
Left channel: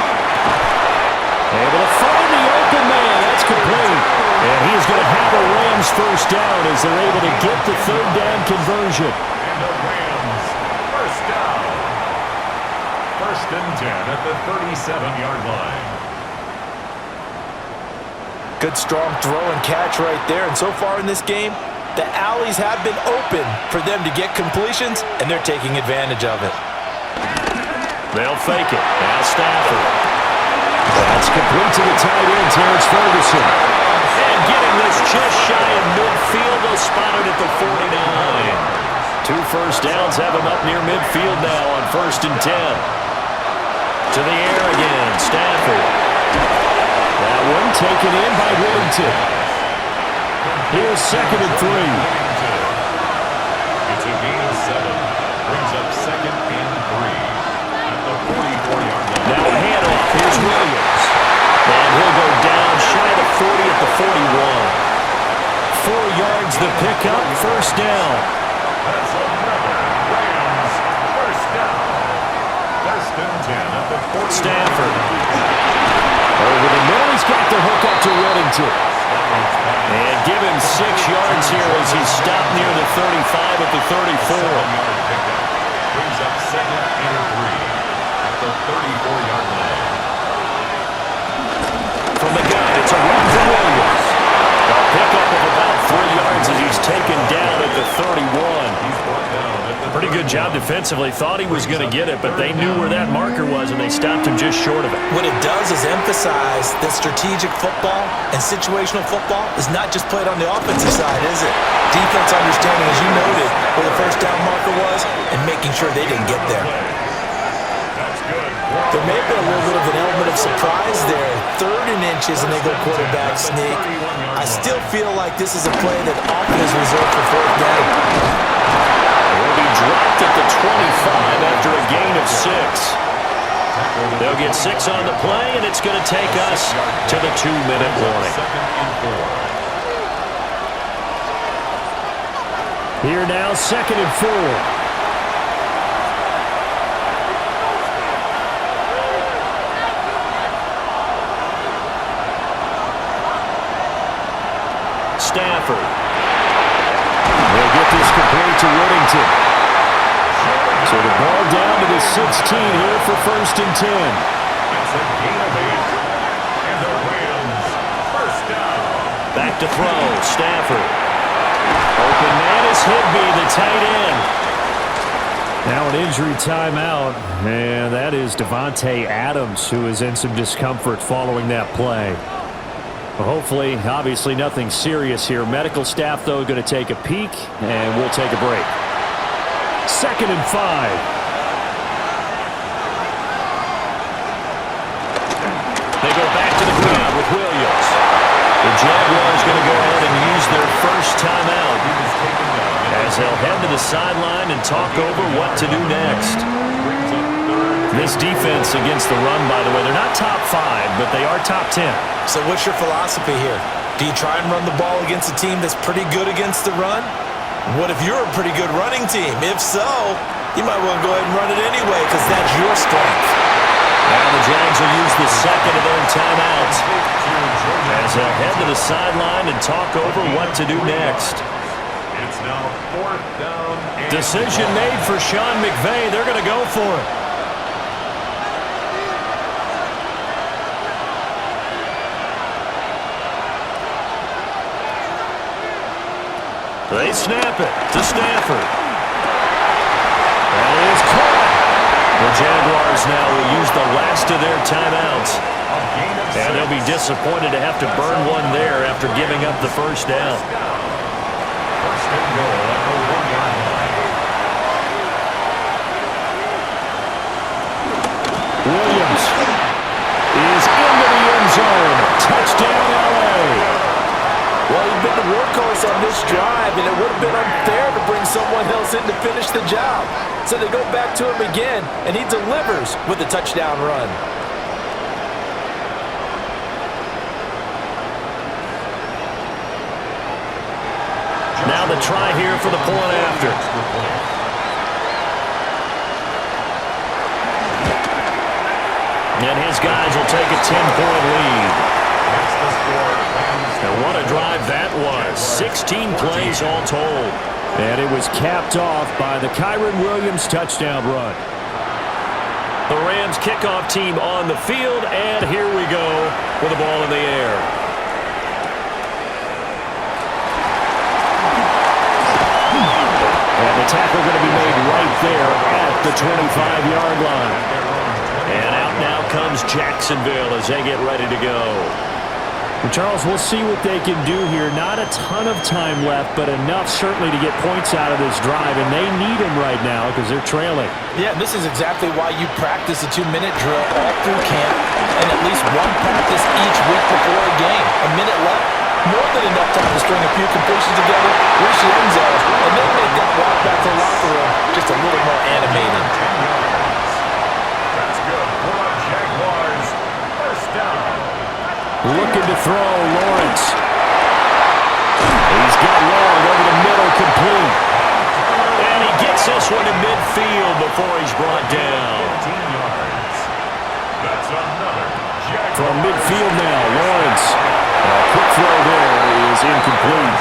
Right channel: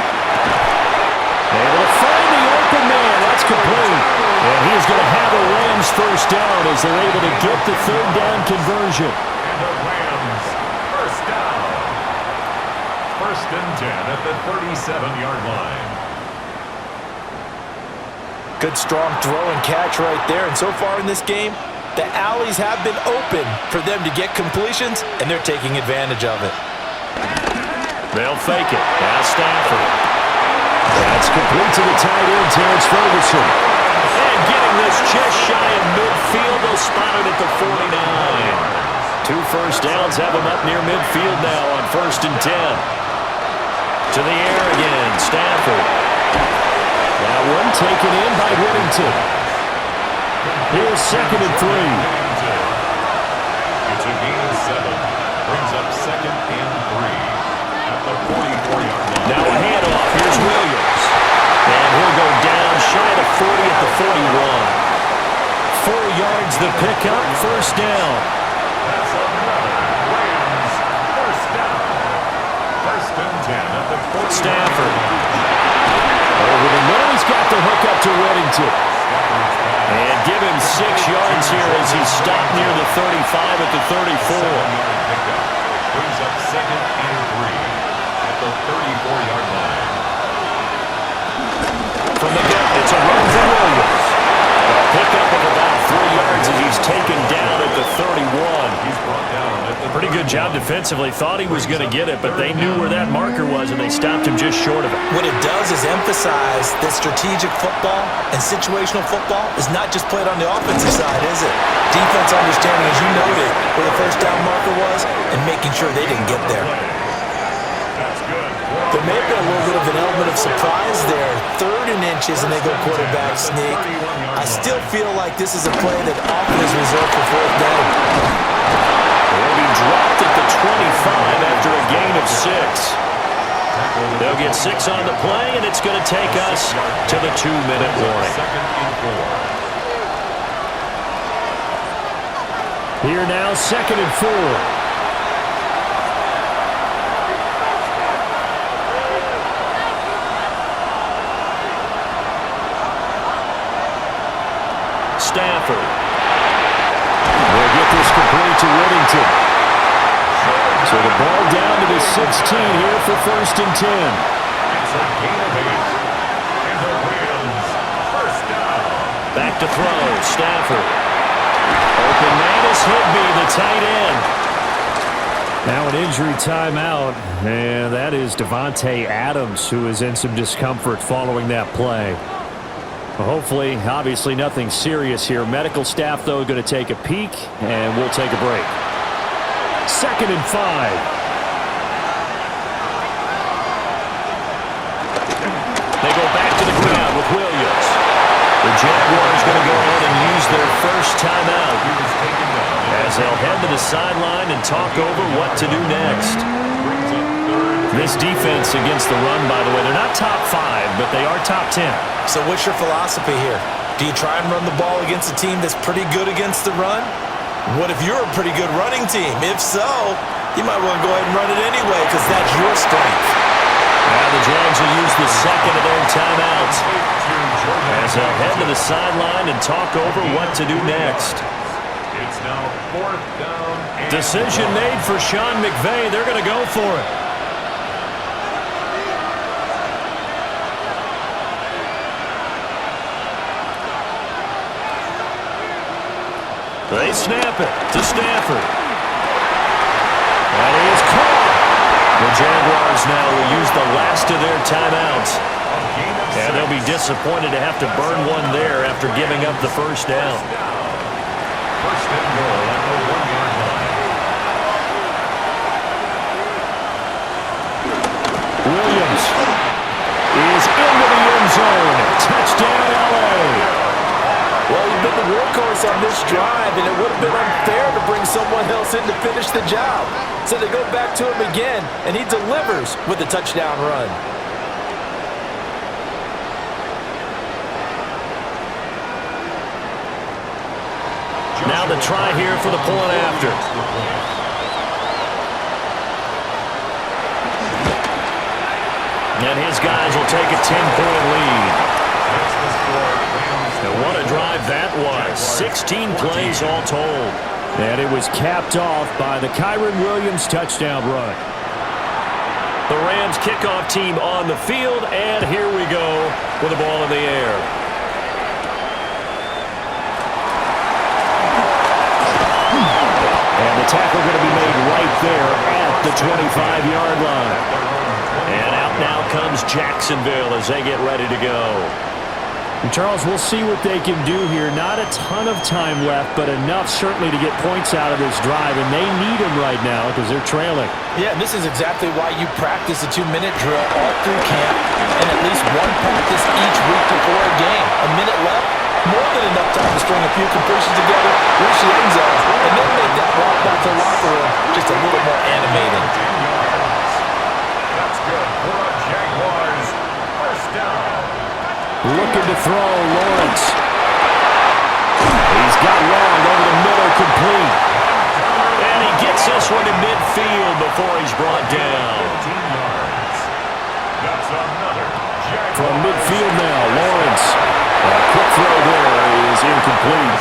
Able to find the open man. That's complete. And he's going to have a Rams 1st down as they're able to get the 3rd down conversion. And the Rams 1st down. 1st and 10 at the 37-yard line. Good strong throw and catch right there. And so far in this game, the alleys have been open for them to get completions, and they're taking advantage of it. They'll fake it. Now Stafford. That's complete to the tight end, Terrence Ferguson. And getting this just shy of midfield. They'll spot it at the 49. 2 1st downs have him up near midfield now on 1st and 10. To the air again, Stafford. That one taken in by Whittington. Here's 2nd and 3. It's a gain of 7. Brings up 2nd and 3 at the 44-yard line. Now a handoff. Here's Williams. And he'll go down shy of the 40 at the 41. 4 yards the pickup, 1st down. That's another Rams 1st down. 1st and 10 at the 40. Stafford. Over the middle, he's got the hook up to Whittington. And give him 6 yards here as he's stopped near the 35 at the 34. 7-yard pickup. Brings up 2nd and 3 at the 34-yard line. From the gun, it's a run for Williams. A pickup of about 3 yards as he's taken down at the 31. He's brought down at the Pretty good job defensively. Thought he was going to get it, but they knew where that marker was, and they stopped him just short of it. What it does is emphasize that strategic football and situational football is not just played on the offensive side, is it? Defense understanding, as you noted, where the 1st down marker was and making sure they didn't get there. That's good. There may have been a little bit of an element of surprise there. 3rd and inches, and they go quarterback sneak. I still feel like this is a play that often is reserved for 4th down. He'll be dropped at the 25 after a gain of 6. They'll get 6 on the play, and it's going to take us to the 2-minute warning. 2nd and 4. Here now, 2nd and 4. Stafford. They'll get this complete to Whittington. So the ball down to the 16 here for 1st and 10. It's a gain of 8. And the Rams 1st down. Back to throw. Stafford. Open man is Higbee, the tight end. Now an injury timeout, and that is Devontae Adams, who is in some discomfort following that play. Well, hopefully, obviously nothing serious here. Medical staff, though, going to take a peek, and we'll take a break. 2nd and 5. back to the ground with Williams. The Jaguars going to go ahead and use their first timeout as they'll head to the sideline and talk over what to do next. This defense against the run, by the way, they're not top 5, but they are top 10. So what's your philosophy here? Do you try and run the ball against a team that's pretty good against the run? What if you're a pretty good running team? If so, you might want to go ahead and run it anyway because that's your strength. Now the Jags will use the second of their timeouts as they'll head to the sideline and talk over what to do next. It's now 4th down. Decision made for Sean McVay. They're going to go for it. They snap it to Stafford. That is caught. The Jaguars now will use the last of their timeouts. And they'll be disappointed to have to burn one there after giving up the first down. First and goal at the 1-yard line. Williams is into the end zone. Touchdown, L.A. Well, you've been the workhorse on this drive, and it would have been unfair to bring someone else in to finish the job. So they go back to him again, and he delivers with a touchdown run. Now the try here for the point after. And his guys will take a 10-point lead. That's the score. And what a drive that was. 16 plays all told. And it was capped off by the Kyren Williams touchdown run. The Rams kickoff team on the field, and here we go with the ball in the air. And the tackle going to be made right there at the 25-yard line. And out now comes Jacksonville as they get ready to go. And Charles, we'll see what they can do here. Not a ton of time left, but enough certainly to get points out of this drive, and they need them right now because they're trailing. Yeah, and this is exactly why you practice a 2-minute drill all through camp and at least one practice each week before a game. A minute left, more than enough time to string a few completions together, reach the end zone, and then make that walk back to the locker room just a little more animated. 10 yards. That's good for the Jaguars. First down. Looking to throw, Lawrence. He's got long over the middle, complete. And he gets this one to midfield before he's brought down. 15 yards. That's another Jaguars. From midfield now, Lawrence. A quick throw there is incomplete.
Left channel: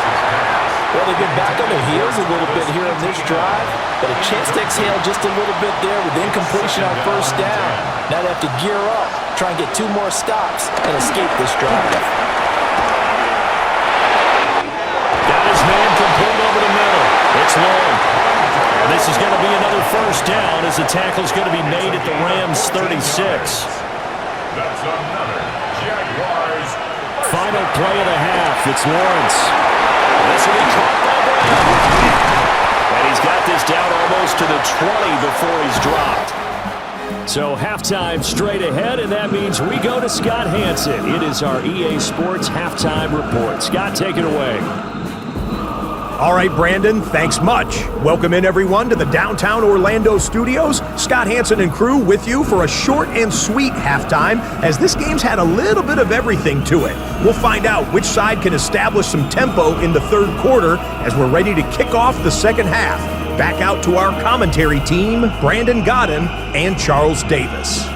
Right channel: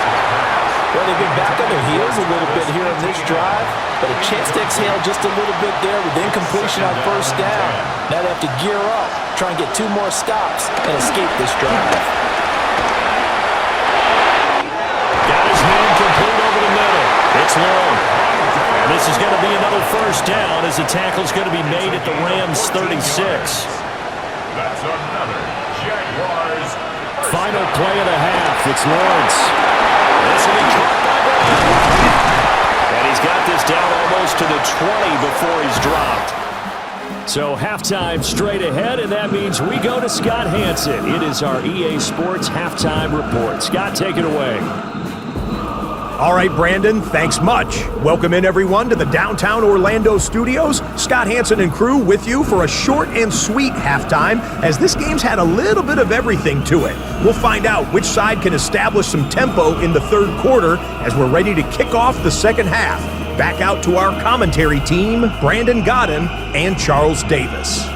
Well, they've been back on their heels a little bit here on this drive, but a chance to exhale just a little bit there with incompletion on first down. Now they have to gear up, try and get 2 more stops, and escape this drive. Got his man complete over the middle. It's long. And this is going to be another first down as the tackle's going to be made at the Rams 36. That's another Jaguars. Final play of the half. It's Lawrence. This will be caught by Brown. And he's got this down almost to the 20 before he's dropped. So halftime straight ahead, and that means we go to Scott Hansen. It is our EA Sports halftime report. Scott, take it away. All right, Brandon, thanks much. Welcome in, everyone, to the downtown Orlando studios. Scott Hansen and crew with you for a short and sweet halftime, as this game's had a little bit of everything to it. We'll find out which side can establish some tempo in the third quarter as we're ready to kick off the second half. Back out to our commentary team, Brandon Godden and Charles Davis.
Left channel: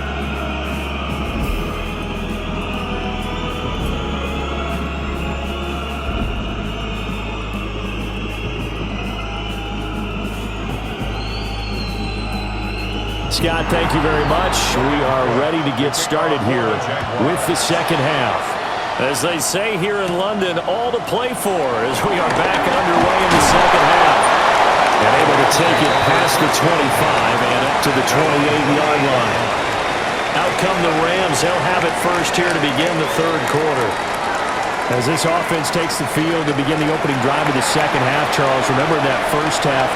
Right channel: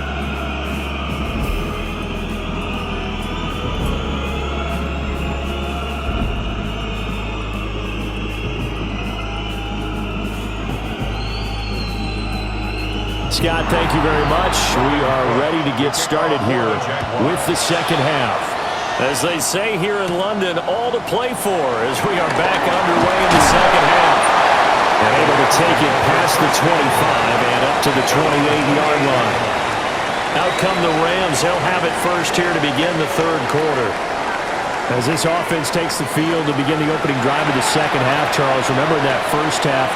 Scott, thank you very much. We are ready to get started here with the second half. As they say here in London, all to play for as we are back underway in the second half. And able to take it past the 25 and up to the 28-yard line. Out come the Rams. They'll have it first here to begin the third quarter. As this offense takes the field to begin the opening drive of the second half, Charles, remember in that first half,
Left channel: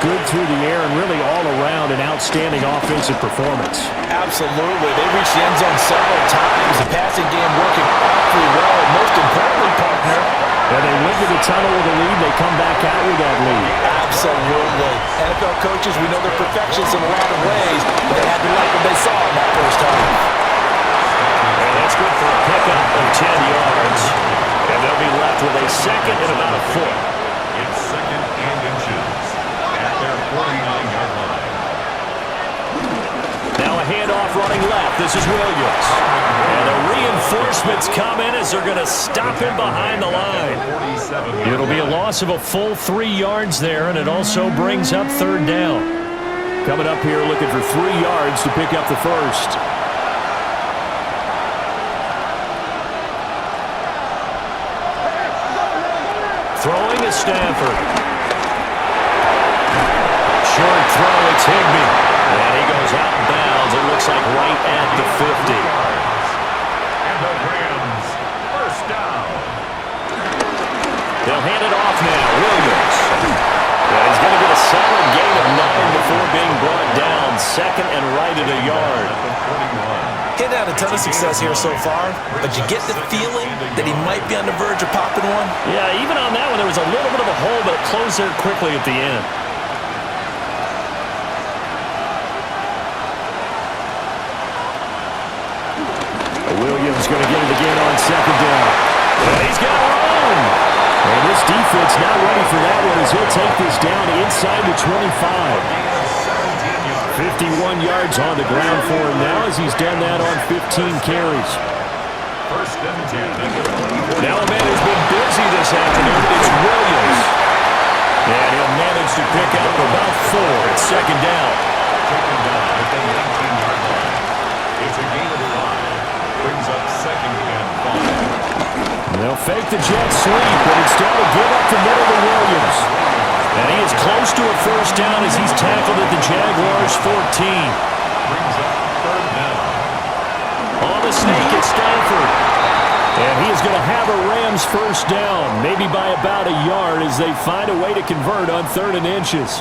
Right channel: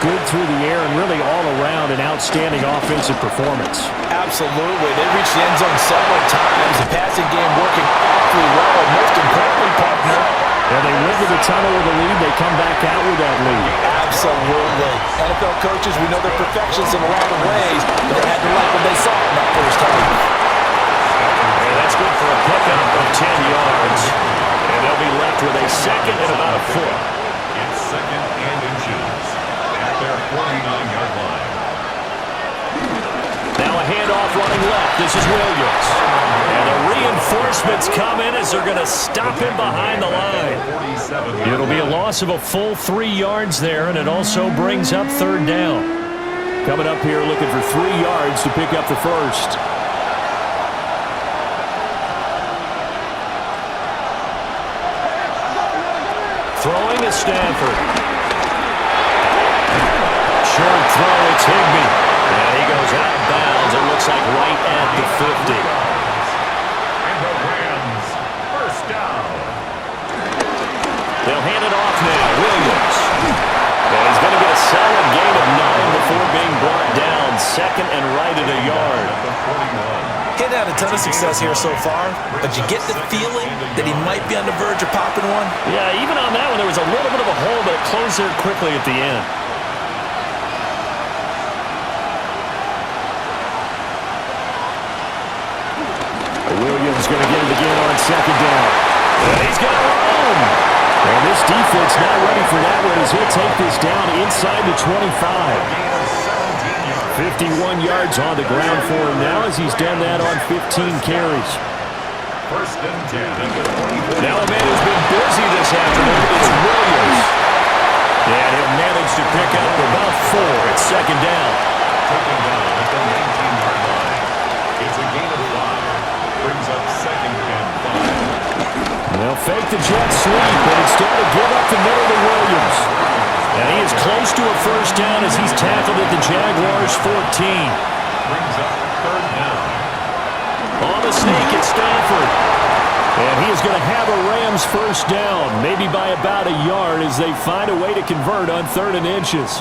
good through the air and really all around an outstanding offensive performance. Absolutely. They reached the end zone several times. The passing game working awfully well. And most importantly, partner, and they went to the tunnel with a lead. They come back out with that lead. Absolutely. NFL coaches, we know they're perfectionists in a lot of ways, but they had to like what they saw in that first half. And that's good for a pickup of 10 yards. And they'll be left with a second and about a foot. It's second and inches at their 49-yard line. Now a handoff running left. This is Williams. And the reinforcements come in as they're going to stop him behind the line. It'll be a loss of a full 3 yards there, and it also brings up third down. Coming up here looking for 3 yards to pick up the first. Throwing is Stafford. Short throw, it's Higbee. And he goes out of bounds. It looks like right at the 50. And the Rams, first down. They'll hand it off now. Williams. And he's going to get a solid gain of 9 before being brought down. Second and right at a yard. He's had a ton of success here so far, but you get the feeling that he might be on the verge of popping one. Yeah, even on that one, there was a little bit of a hole, but it closed there quickly at the end. Williams going to get it again on second down. And he's got room. And this defense not ready for that one as he'll take this down inside the 25. 51 yards on the ground for him now as he's done that on 15 carries. First and 10. Now a man who's been busy this afternoon, it's Williams. And he'll manage to pick up about 4 at second down. Taken down at the 19-yard line. It's a gain of 5. Brings up second and 5. They'll fake the jet sweep, but instead of give up the middle to Williams. And he is close to a first down as he's tackled at the Jaguars 14. Brings up third down. On the sneak, it's Stafford. And he is going to have a Rams first down, maybe by about a yard as they find a way to convert on 3rd and inches.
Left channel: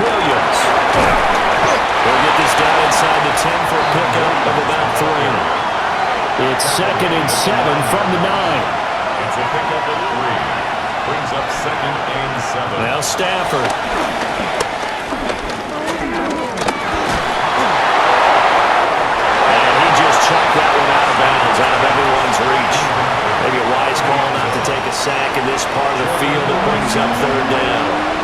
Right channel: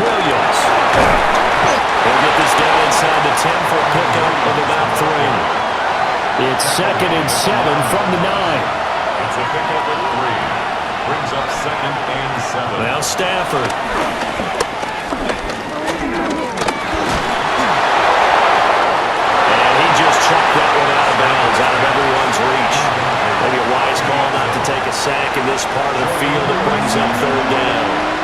Williams. He'll get this down inside the 10 for a pickup of about 3. It's 2nd and 7 from the 9. It's a pickup of 3. Brings up second and 7. Now Stafford. And he just chucked that one out of bounds, out of everyone's reach. Maybe a wise call not to take a sack in this part of the field. It brings up third down.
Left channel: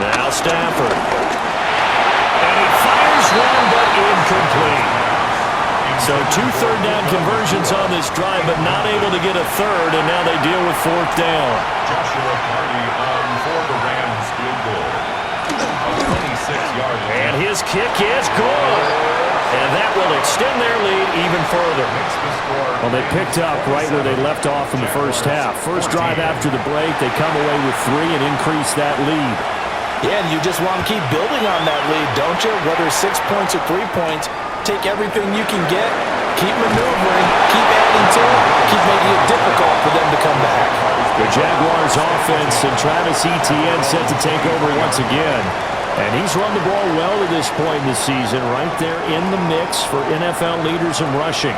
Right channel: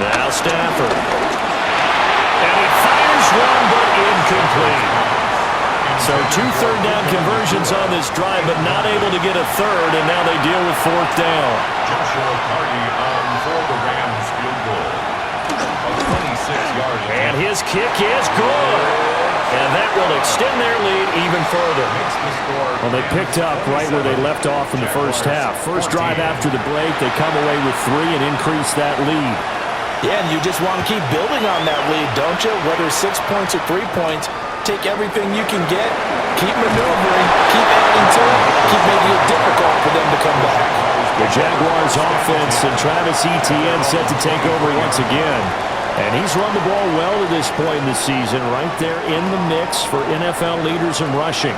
Now Stafford. And he fires one, but incomplete. So 2 third down conversions on this drive, but not able to get a third, and now they deal with 4th down. Joshua Carney on for the Rams field goal. A 26-yard attempt. And his kick is good. And that will extend their lead even further. Makes the score. Well, they picked up right where they left off in the first half. First drive after the break, they come away with 3 and increase that lead. Yeah, and you just want to keep building on that lead, don't you? Whether it's 6 points or 3 points, take everything you can get, keep maneuvering, keep adding to it, keep making it difficult for them to come back. The Jaguars offense and Travis Etienne set to take over once again. And he's run the ball well to this point in the season, right there in the mix for NFL leaders in rushing.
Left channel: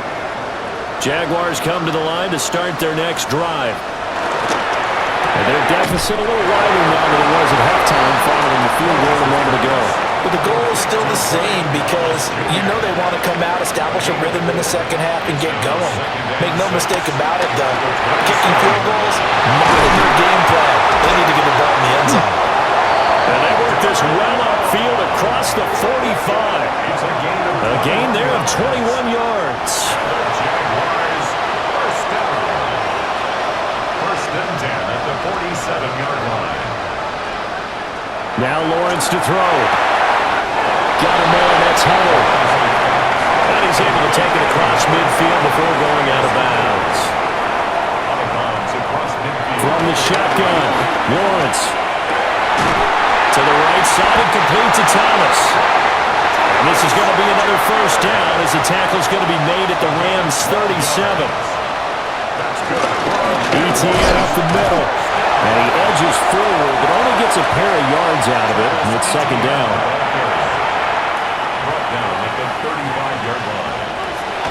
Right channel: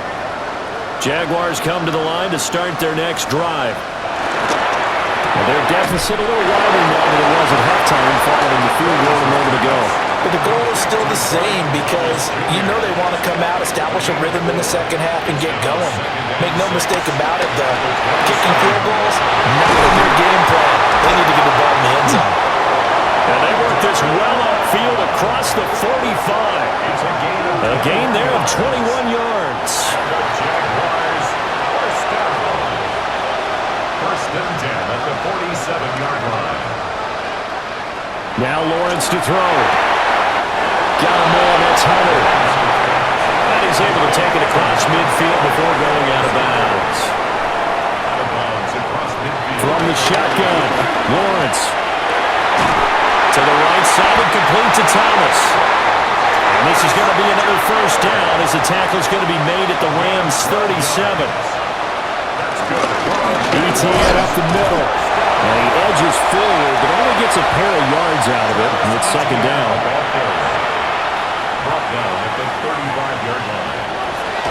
Jaguars come to the line to start their next drive. And their deficit a little wider now than it was at halftime following the field goal a moment ago. But the goal is still the same because you know they want to come out, establish a rhythm in the second half, and get going. Make no mistake about it, the kicking field goals, not in their game plan. They need to get the ball in the end zone. And they work this well upfield across the 45. It's A gain there of 21 yards. The Jaguars first down. First and 10 at the 47-yard line. Now Lawrence to throw. Got a man, that's Hunter. And he's able to take it across midfield before going out of bounds. Out of bounds across From the shotgun, Lawrence. To the right side and complete to Thomas. And this is going to be another first down as the tackle is going to be made at the Rams' 37. ETN up the middle. And he edges forward, but only gets a pair of yards out of it. And it's second down. Brought down at the 35-yard line.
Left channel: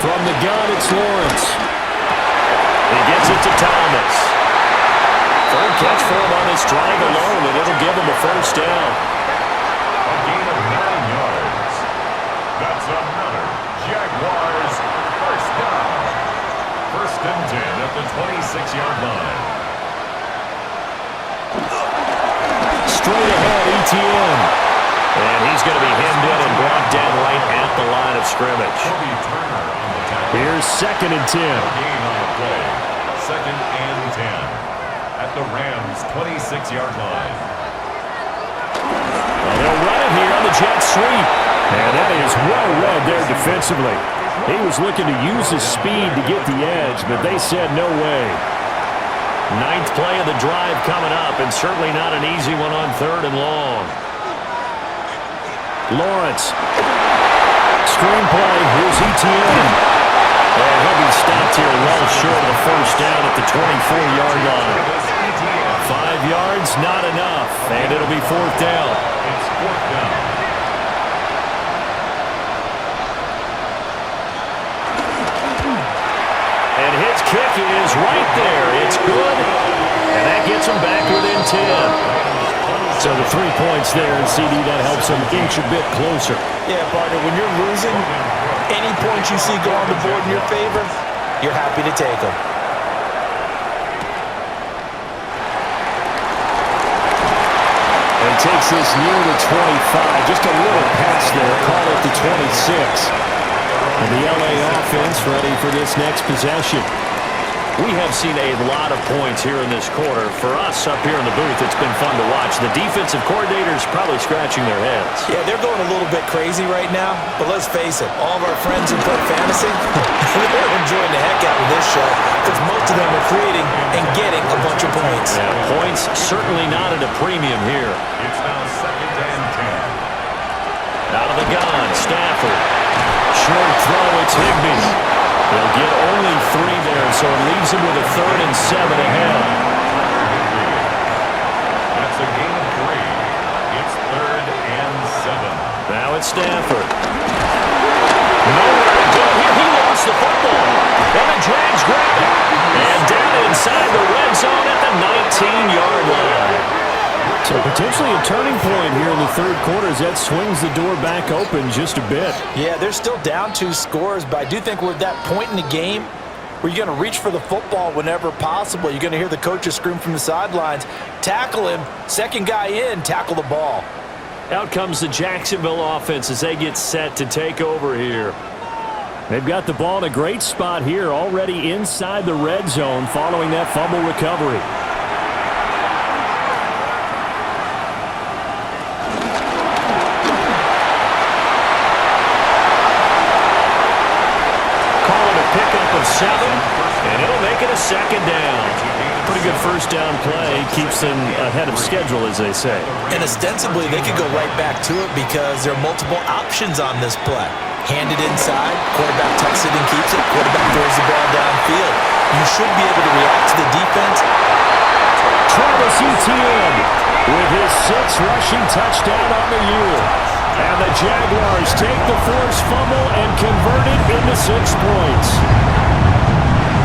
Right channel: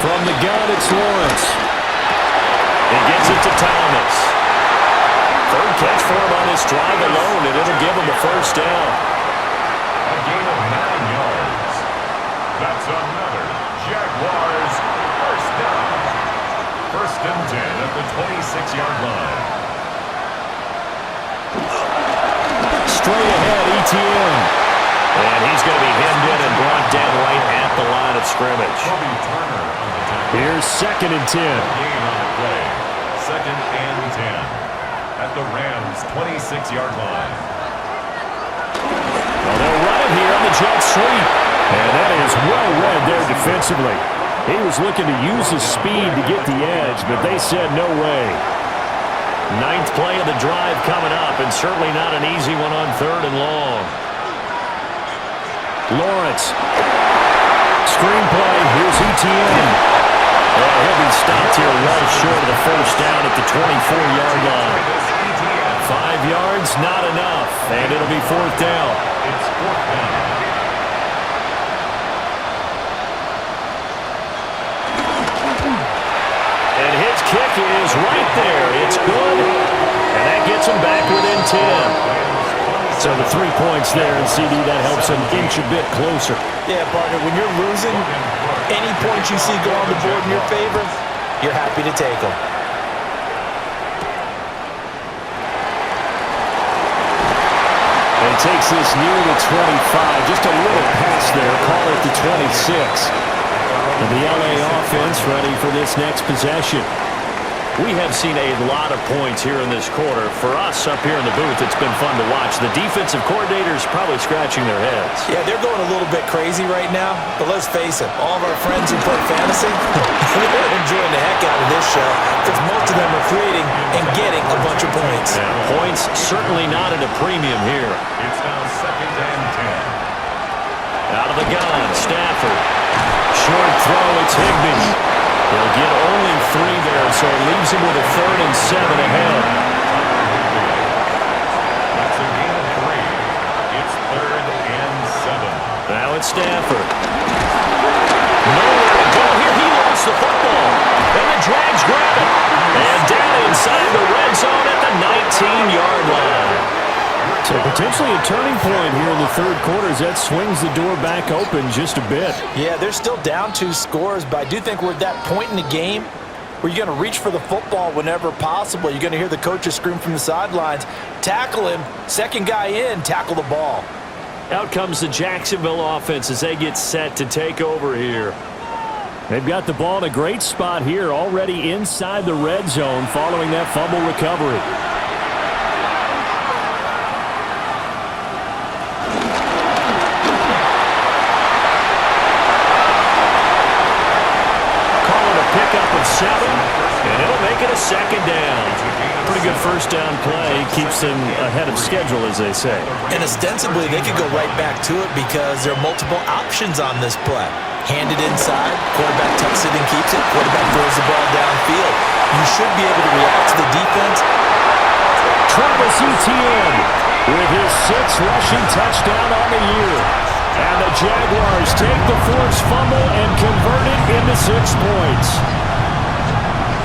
From the gun, it's Lawrence. He gets it to Thomas. Third catch for him on this drive alone, and it'll give him a first down. A gain of 9 yards. That's another Jaguars first down. First and 10 at the 26-yard line. Straight ahead, ETN. And he's going to be hemmed in and brought down right at the line of scrimmage. Kobe Turner on the tackle. Here's second and 10. Gain on the play. Second and 10 at the Rams' 26-yard line. Well, they'll run it here on the jet sweep. And that is well read there defensively. He was looking to use his speed to get the edge, but they said no way. Ninth play of the drive coming up, and certainly not an easy one on third and long. Lawrence. Screenplay. Here's ETN. And he'll be stopped here well short of the first down at the 24-yard line. 5 yards, not enough. And it'll be fourth down. It's fourth down. And his kick is right there. It's good. And that gets him back within 10. So the 3 points there, and CD, that helps him inch a bit closer. Yeah, partner, when you're losing, any points you see go on the board in your favor, you're happy to take them. And he takes this near the 25, just a little past there, call it the 26. And the LA offense ready for this next possession. We have seen a lot of points here in this quarter. For us up here in the booth, it's been fun to watch. The defensive coordinators probably scratching their heads. Yeah, they're going a little bit crazy right now, but let's face it, all of our friends who play fantasy, they're enjoying the heck out of this show because most of them are creating and getting a bunch of points. Yeah, points certainly not at a premium here. It's now second and 10. Out of the gun, Stafford. Short throw, it's Higbee. He'll get only 3 there, so it leaves him with a 3rd and 7 ahead. That's a gain of 3. It's 3rd and 7. Now it's Stafford. Nowhere to go here. He lost the football. And the Jags grab it. And down inside the red zone at the 19-yard line. So potentially a turning point here in the third quarter as that swings the door back open just a bit. Yeah, they're still down 2 scores, but I do think we're at that point in the game where you're going to reach for the football whenever possible. You're going to hear the coaches scream from the sidelines, tackle him, second guy in, tackle the ball. Out comes the Jacksonville offense as they get set to take over here. They've got the ball in a great spot here, already inside the red zone following that fumble recovery. Pickup of 7, and it'll make it a second down. Pretty good first down play. Keeps them ahead of schedule, as they say. And ostensibly, they could go right back to it because there are multiple options on this play. Handed inside, quarterback tucks it and keeps it, quarterback throws the ball downfield. You should be able to react to the defense. Travis Etienne with his 6th rushing touchdown on the year. And the Jaguars take the forced fumble and convert it into 6 points.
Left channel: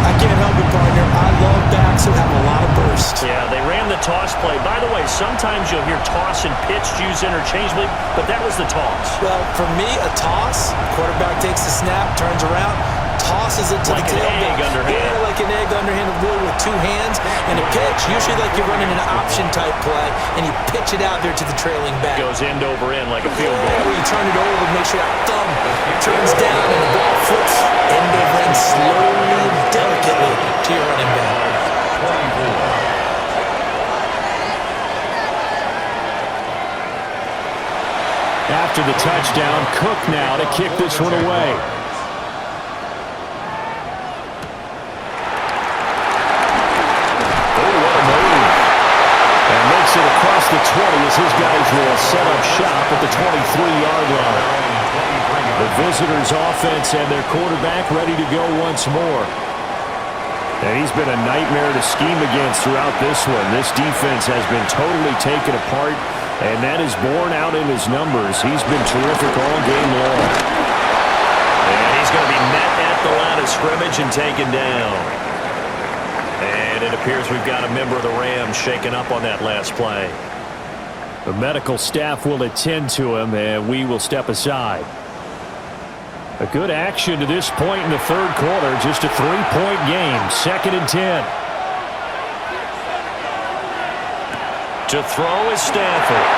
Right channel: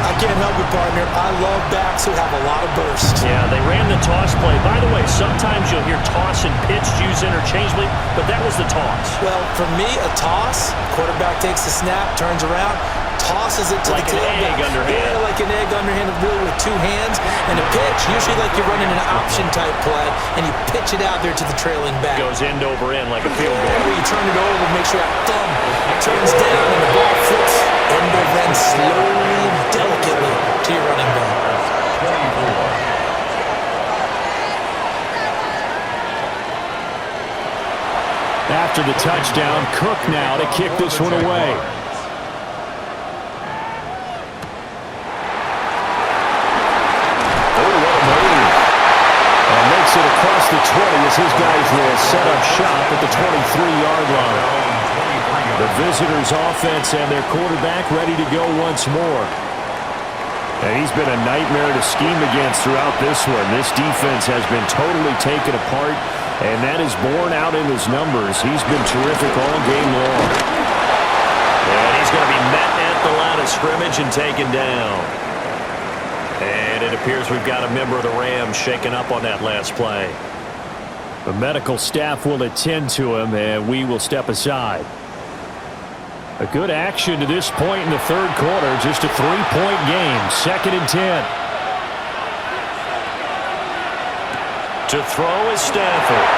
I can't help it, partner. I love backs who have a lot of burst. Yeah, they ran the toss play. By the way, sometimes you'll hear toss and pitch used interchangeably, but that was the toss. Well, for me, a toss, quarterback takes the snap, turns around, tosses it to like the tailback. Like an egg underhand. Yeah, like an egg underhand, really with 2 hands. And a pitch, usually like you're running an option-type play, and you pitch it out there to the trailing back. Goes end over end like a field goal. Yeah, where you turn it over, make sure that thumb turns down, and the ball flips end over end slowly and delicately to your running back. 24. After the touchdown, Cook now to kick this one away. Oh, what a move. it across the 20 as his guys will set up shop at the 23-yard line. The visitors' offense and their quarterback ready to go once more. And he's been a nightmare to scheme against throughout this one. This defense has been totally taken apart, and that is borne out in his numbers. He's been terrific all game long. And he's going to be met at the line of scrimmage and taken down. And it appears we've got a member of the Rams shaken up on that last play. The medical staff will attend to him, and we will step aside. A good action to this point in the third quarter. Just a 3-point game. 2nd and 10. To throw is Stafford.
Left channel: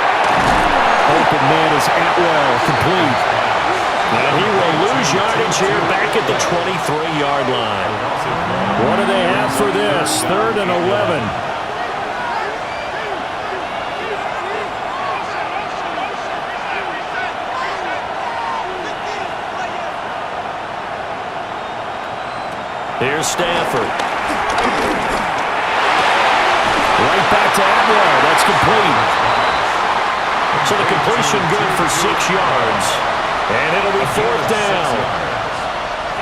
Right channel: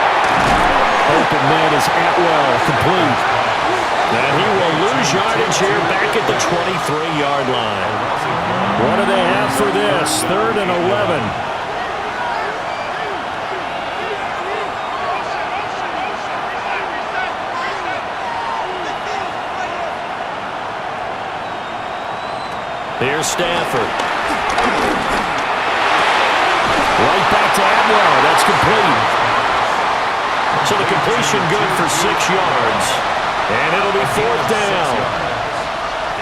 Open man is Atwell. Complete. And he will lose yardage here back at the 23-yard line. What do they have for this? 3rd and 11. Here's Stafford. Right back to Atwell. That's complete. So the completion good for 6 yards. And it'll be 4th down.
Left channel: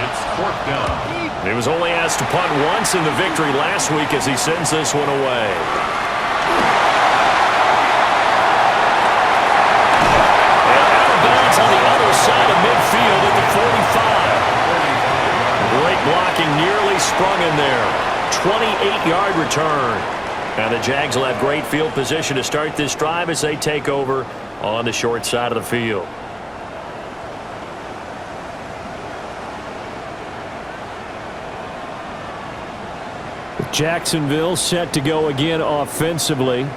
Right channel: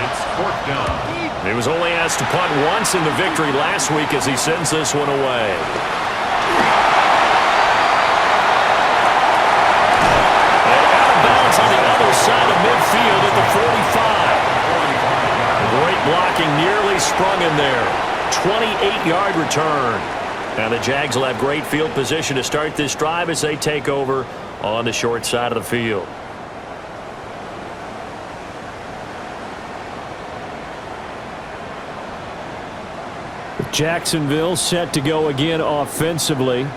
It's 4th down. He was only asked to punt once in the victory last week as he sends this one away. And out of bounds on the other side of midfield at the 45. Great blocking, nearly sprung in there. 28-yard return. Now the Jags will have great field position to start this drive as they take over on the short side of the field. Jacksonville set to go again offensively.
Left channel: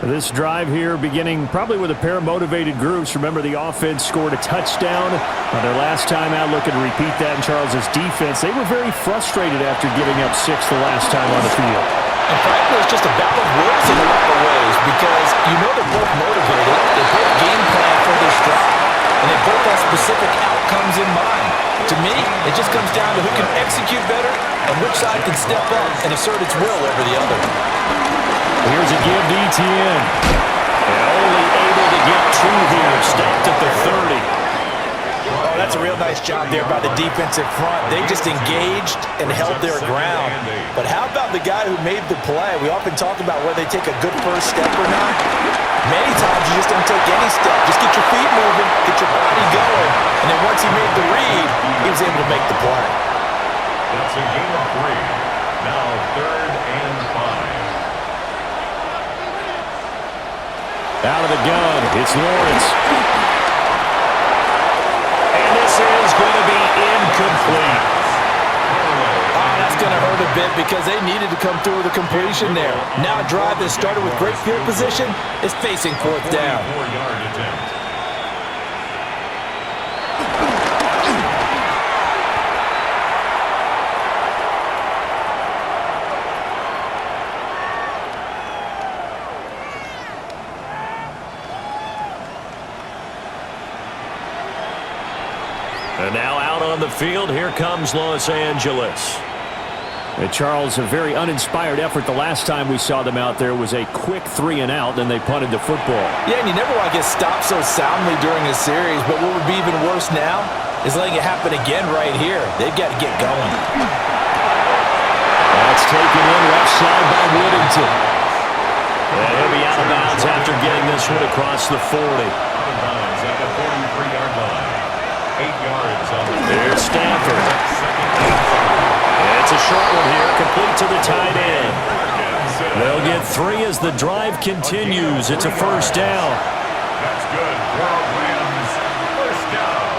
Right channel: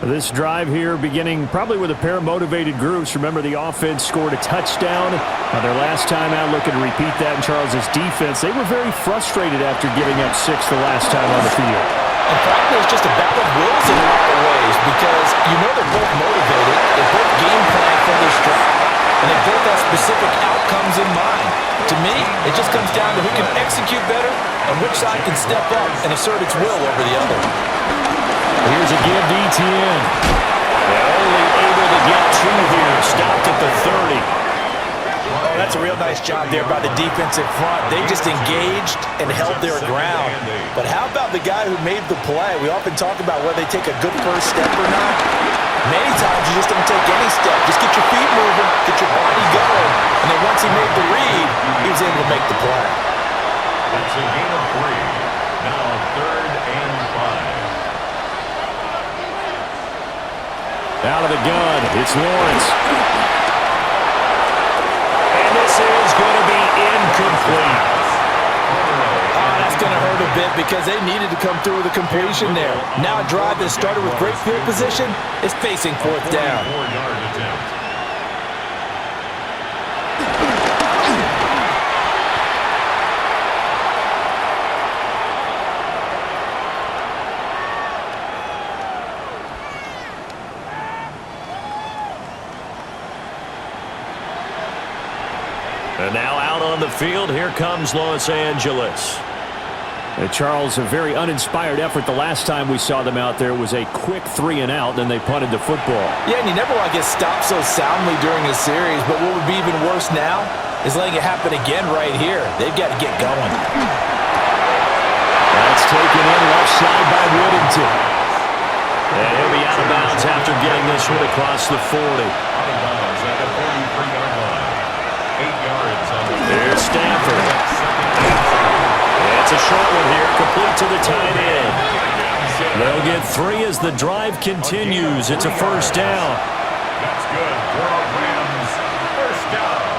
This drive here beginning probably with a pair of motivated groups. Remember, the offense scored a touchdown their last time out, looking to repeat that in Charles's defense. They were very frustrated after giving up 6 the last time on the field. And frankly, it's just a battle of wills in a lot of ways because you know they're both motivated. They both game plan for this drive, and they both have specific outcomes in mind. To me, it just comes down to who can execute better and which side can step up and assert its will over the other. Here's a give to Etienne. They're only able to get 2 here. Stopped at the 30. Oh, that's a real nice job there by the defensive front. They just engaged and held their ground. But how about the guy who made the play? We often talk about whether they take a good first step or not. Many times you just don't take any step. Just get your feet moving, get your body going. And then once he made the read, he was able to make the play. That's a gain of 3. Now 3rd and 5. Out of the gun, it's Lawrence. And this is going to be incomplete. Oh, that's going to hurt a bit because they needed to come through with a completion there. Now a drive that started with great field position is facing 4th down. 44-yard attempt. And now out on the field, here comes Los Angeles. Charles, a very uninspired effort the last time we saw them out there was a quick 3 and out, then they punted the football. Yeah, and you never want to get stopped so soundly during a series, but what would be even worse now is letting it happen again right here. They've got to get going. That's taken in left side by Whittington. And he'll be out of bounds after getting this one across the 40. Out of bounds at the 43-yard line. 8 yards on the field. There's Stafford. It's a short one here, complete to the tight end. They'll get 3 as the drive continues. It's a 1st down. That's good for a Rams 1st down.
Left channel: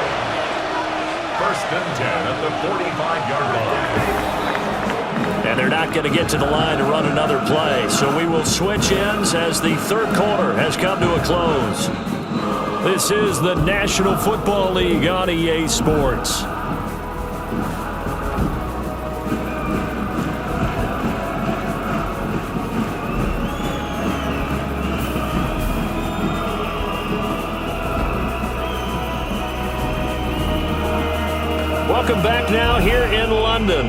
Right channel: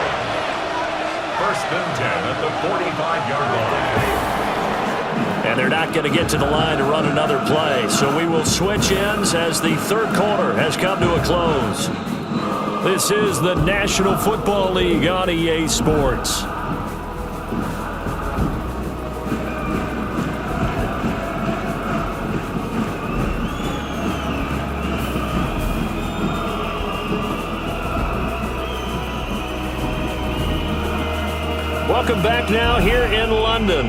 1st and 10 at the 45-yard line. And they're not going to get to the line to run another play. So we will switch ends as the third quarter has come to a close. This is the National Football League on EA Sports. Welcome back now here in London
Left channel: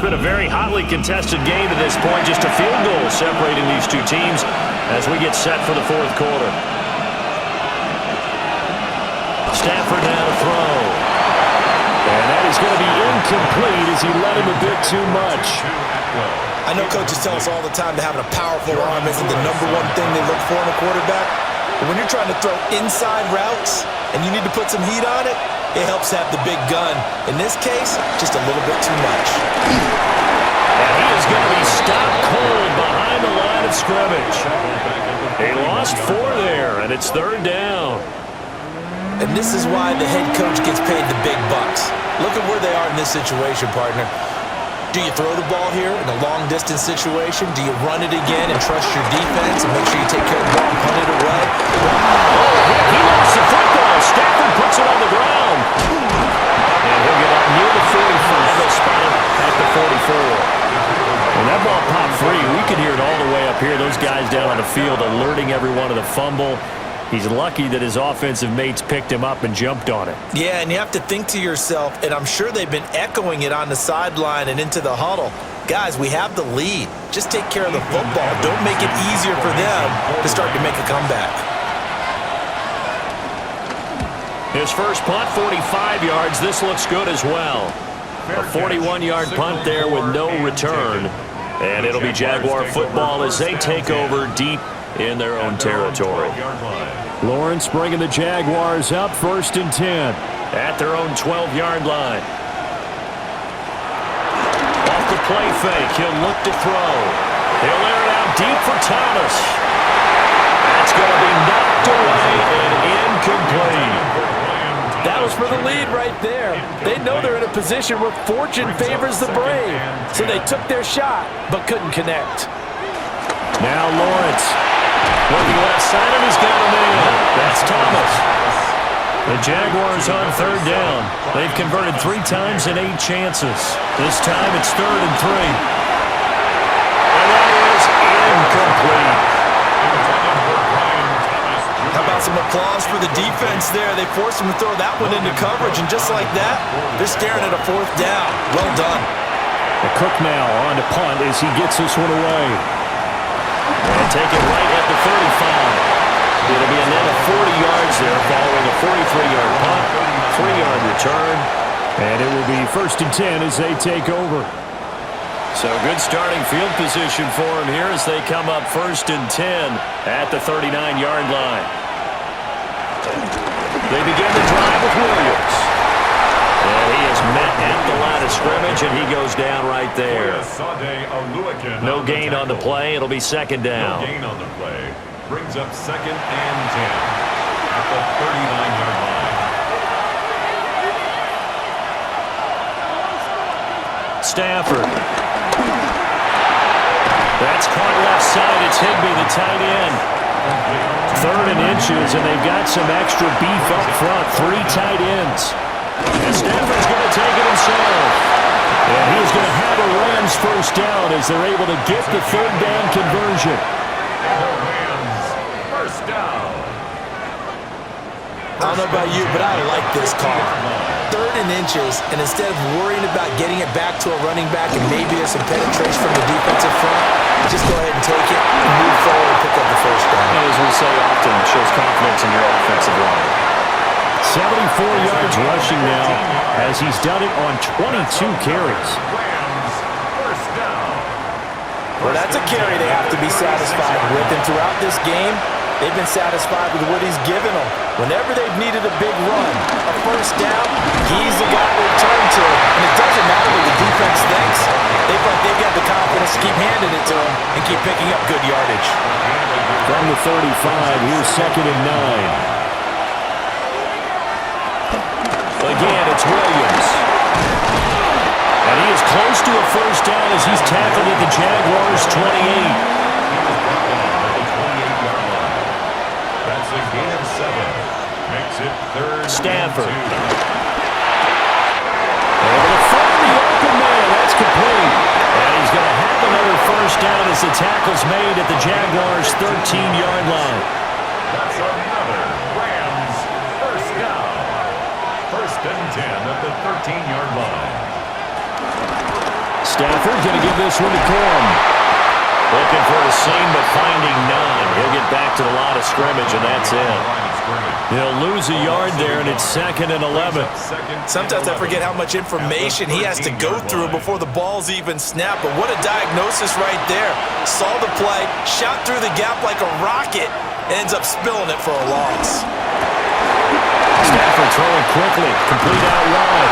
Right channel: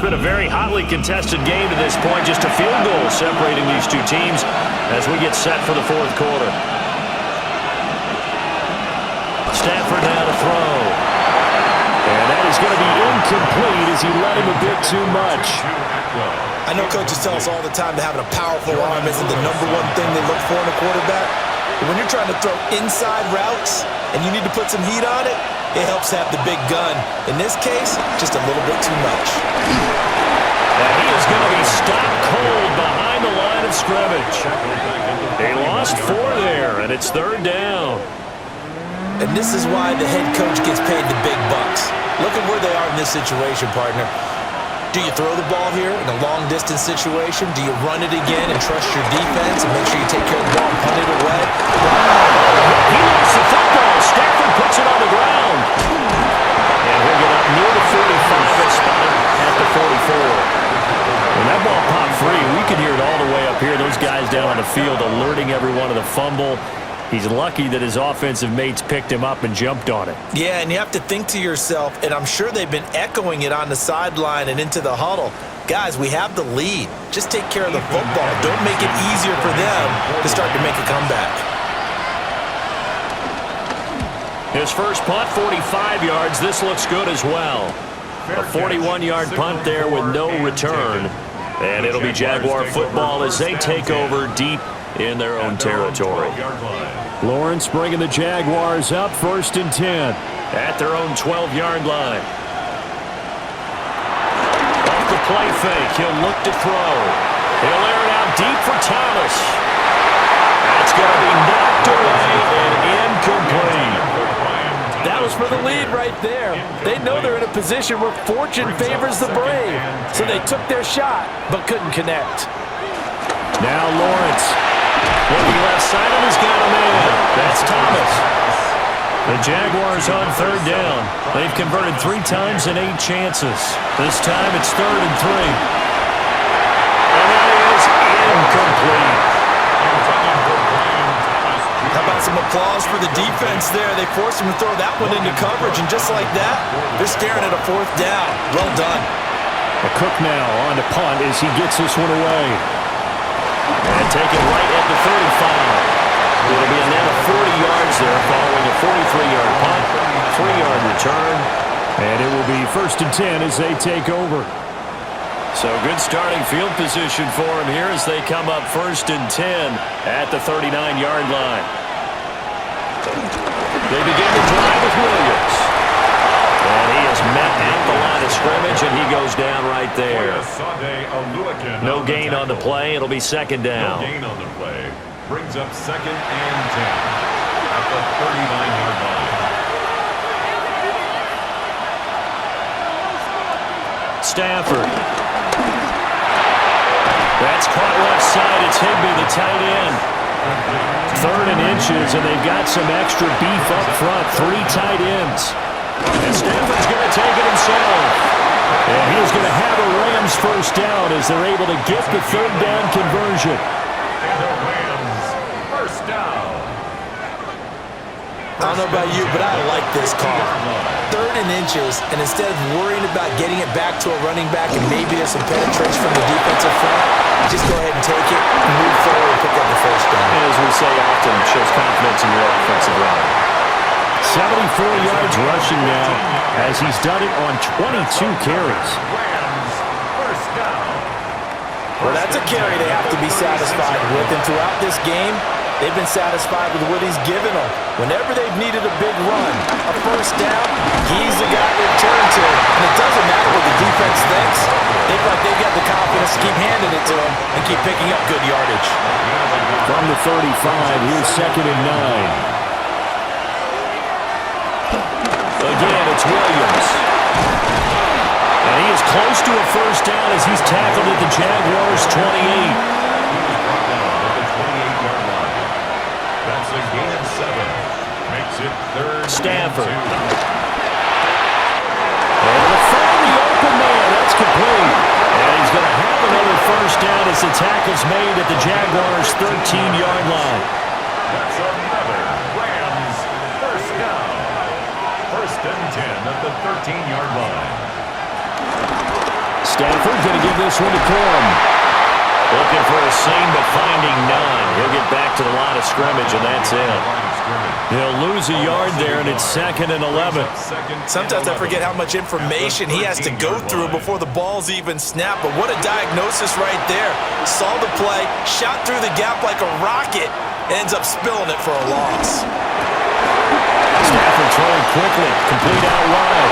It's been a very hotly contested game to this point. Just a field goal separating these two teams as we get set for the fourth quarter. Stafford now to throw. And that is going to be incomplete as he let him a bit too much. I know coaches tell us all the time that having a powerful arm isn't the #1 thing they look for in a quarterback. But when you're trying to throw inside routes and you need to put some heat on it, it helps have the big gun. In this case, just a little bit too much. And he is going to be stopped cold behind the line of scrimmage. He lost 4 there, and it's 3rd down. And this is why the head coach gets paid the big bucks. Look at where they are in this situation, partner. Do you throw the ball here in a long-distance situation? Do you run it again and trust your defense and make sure you take care of the ball and punt it away? He lost the football. Stafford puts it on the ground. And he'll get up near the 45. They'll spot it at the 44. When that ball popped free, we could hear it all the way up here. Those guys down on the field alerting everyone of the fumble. He's lucky that his offensive mates picked him up and jumped on it. Yeah, and you have to think to yourself, and I'm sure they've been echoing it on the sideline and into the huddle. Guys, we have the lead. Just take care of the football. Don't make it easier for them to start to make a comeback. His first punt, 45 yards. This looks good as well. A 41-yard punt there with no return. And it'll be Jaguar football as they take over deep in their own territory. Lawrence bringing the Jaguars up 1st and 10. At their own 12-yard line. Off the play fake, he'll look to throw. He'll air it out deep for Thomas. That's going to be knocked away and incomplete. That was for the lead right there. They know they're in a position where fortune favors the brave. So they took their shot, but couldn't connect. Now Lawrence. Looking left side, and he's got a man. That's Thomas. The Jaguars on 3rd down. They've converted 3 times in 8 chances. This time it's 3rd and 3. And that is incomplete. How about some applause for the defense there? They forced him to throw that one into coverage, and just like that, they're staring at a 4th down. Well done. Cook now on to punt as he gets this one away. And take it right at the 35. It'll be a net of 40 yards there following a 43-yard punt, 3-yard return. And it will be 1st and 10 as they take over. So good starting field position for him here as they come up 1st and 10 at the 39-yard line. They begin the drive with Williams. And he is met at the line of scrimmage, and he goes down right there. No gain on the play. It'll be 2nd down. No gain on the play. Brings up 2nd and 10 at the 39-yard line. Stafford. That's caught left side. It's Higbee, the tight end. 3rd and inches, and they've got some extra beef up front. 3 tight ends. And Stafford's going to take it himself. And he's going to have a Rams 1st down as they're able to get the 3rd down conversion. And the Rams 1st down. I don't know about you, but I like this call. 3rd and inches, and instead of worrying about getting it back to a running back and maybe there's some penetration from the defensive front, just go ahead and take it and move forward and pick up the 1st down. And as we say often, it shows confidence in your offensive line. 74 yards rushing now as he's done it on 22 carries. Rams 1st down. Well, that's a carry they have to be satisfied with, and throughout this game, they've been satisfied with what he's given them. Whenever they've needed a big run, a 1st down, he's the guy they turn to. And it doesn't matter what the defense thinks. They feel like they've got the confidence to keep handing it to him and keep picking up good yardage. From the 35, here's 2nd and 9. Again, it's Williams. And he is close to a 1st down as he's tackled at the Jaguars' 28. He was brought down at the 28-yard line. That's a gain of 7. Makes it 3rd Stafford. and 2. Able to find the open man. That's complete. And he's going to have another 1st down as the tackle's made at the Jaguars' 13-yard line. That's another Rams 1st down. 1st and 10 at the 13-yard line. Stafford going to give this one to Corum. Looking for a seam, but finding none. He'll get back to the line of scrimmage, and that's it. He'll lose a yard there, and it's 2nd and 11. Sometimes I forget how much information he has to go through before the ball's even snapped. But what a diagnosis right there. Saw the play, shot through the gap like a rocket, ends up spilling it for a loss. Stafford throwing quickly, complete out wide.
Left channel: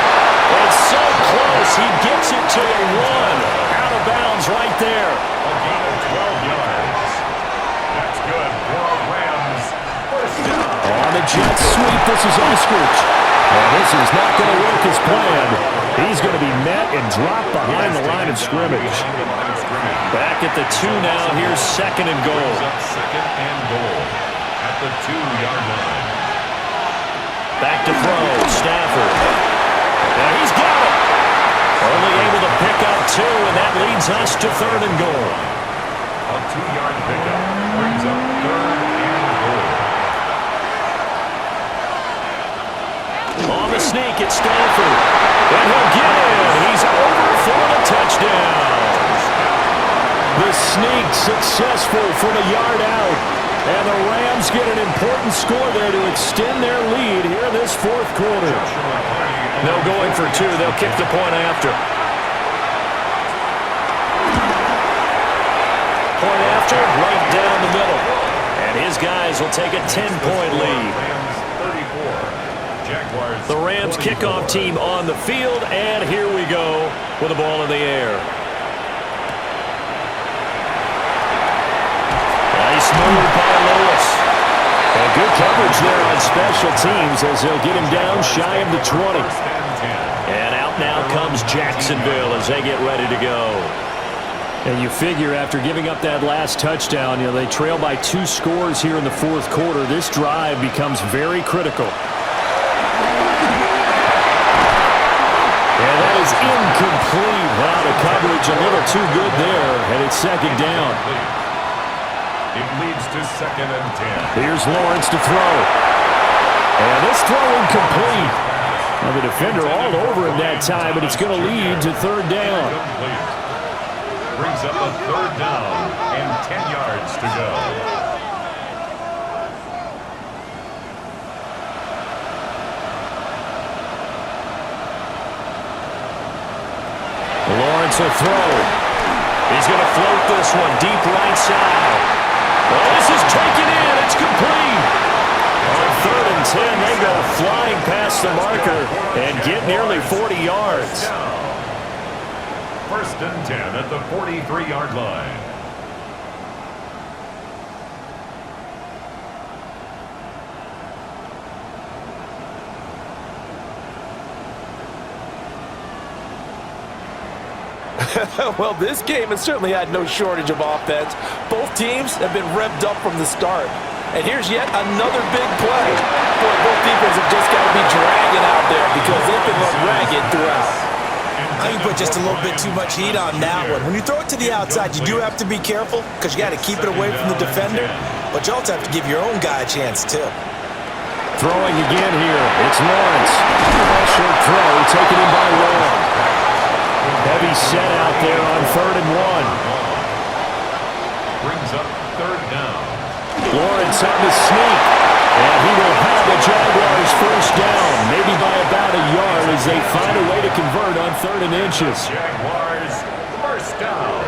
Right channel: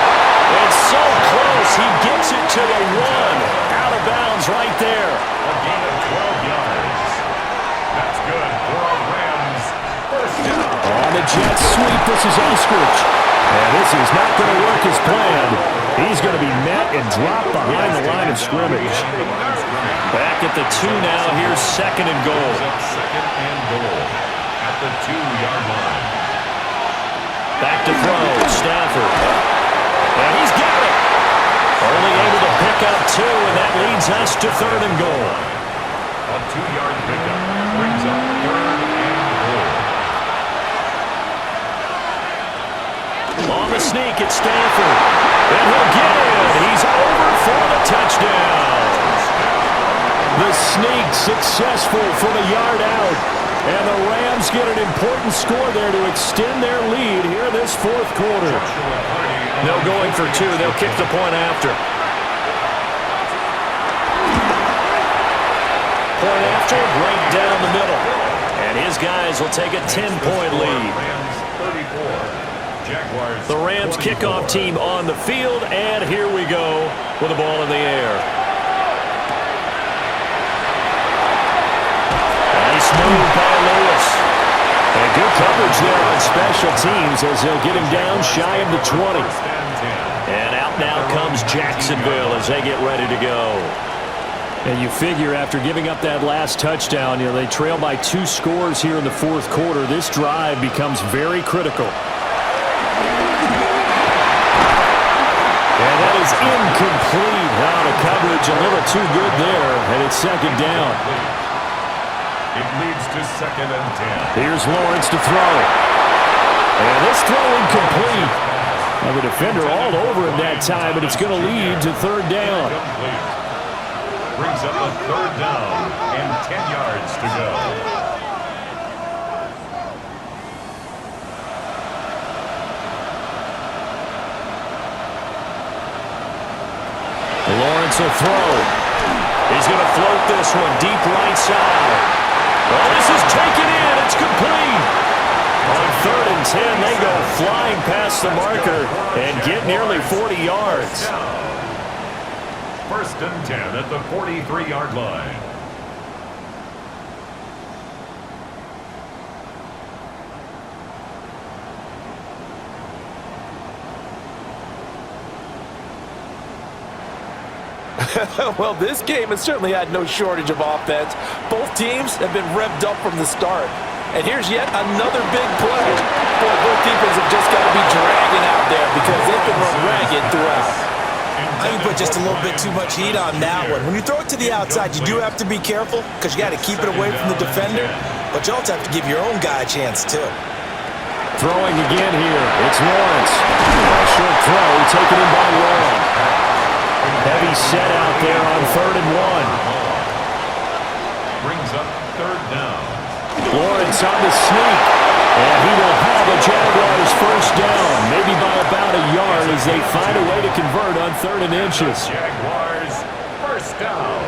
It's so close. He gets it to the 1. Out of bounds right there. A gain of 12 yards. That's good for a Rams first down. On the Jets sweep, this is Eskridge. And this is not going to work as planned. He's going to be met and dropped behind the line of scrimmage. Back at the 2 now. Here's 2nd and goal. Second and goal at the 2-yard line. Back to throw. Stafford. And he's got it. Only able to pick up 2, and that leads us to 3rd and goal. A 2-yard pickup brings up 3rd and goal. On the sneak, it's Stafford. And he'll get in. He's over for the touchdown. The sneak successful from a yard out. And the Rams get an important score there to extend their lead here in this 4th quarter. No going for 2. They'll kick the point after. Point after, right down the middle. And his guys will take a 10-point lead. The Rams kickoff team on the field, and here we go with the ball in the air. Nice move by Lewis. And good coverage there on special teams as they'll get him down shy of the 20. And out now comes Jacksonville as they get ready to go. And you figure after giving up that last touchdown, they trail by 2 scores here in the 4th quarter. This drive becomes very critical. And that is incomplete. Out of coverage, a little too good there, and it's 2nd down. It leads to 2nd and 10. Here's Lawrence to throw. And this throw incomplete. Now the defender all over him that time, but it's going to lead to 3rd down. Brings up a 3rd down and 10 yards to go. Lawrence will throw. He's going to float this one deep right side. Well, this is taken in. It's complete. On 3rd and 10, they go flying past the marker and get nearly 40 yards. 1st and 10 at the 43-yard line. Well, this game has certainly had no shortage of offense. Both teams have been revved up from the start. And here's yet another big play. Boy, both defenses have just got to be dragging out there because they've been run ragged throughout. I think you put just a little bit too much heat on that one. When you throw it to the outside, you do have to be careful because you got to keep it away from the defender, but you also have to give your own guy a chance too. Throwing again here. It's Lawrence. A short throw taken in by Long. Heavy set out there on 3rd and 1. Brings up 3rd down. Lawrence on the sneak. And he will have the Jaguars first down, maybe by about a yard as they find a way to convert on 3rd and inches. Jaguars first down.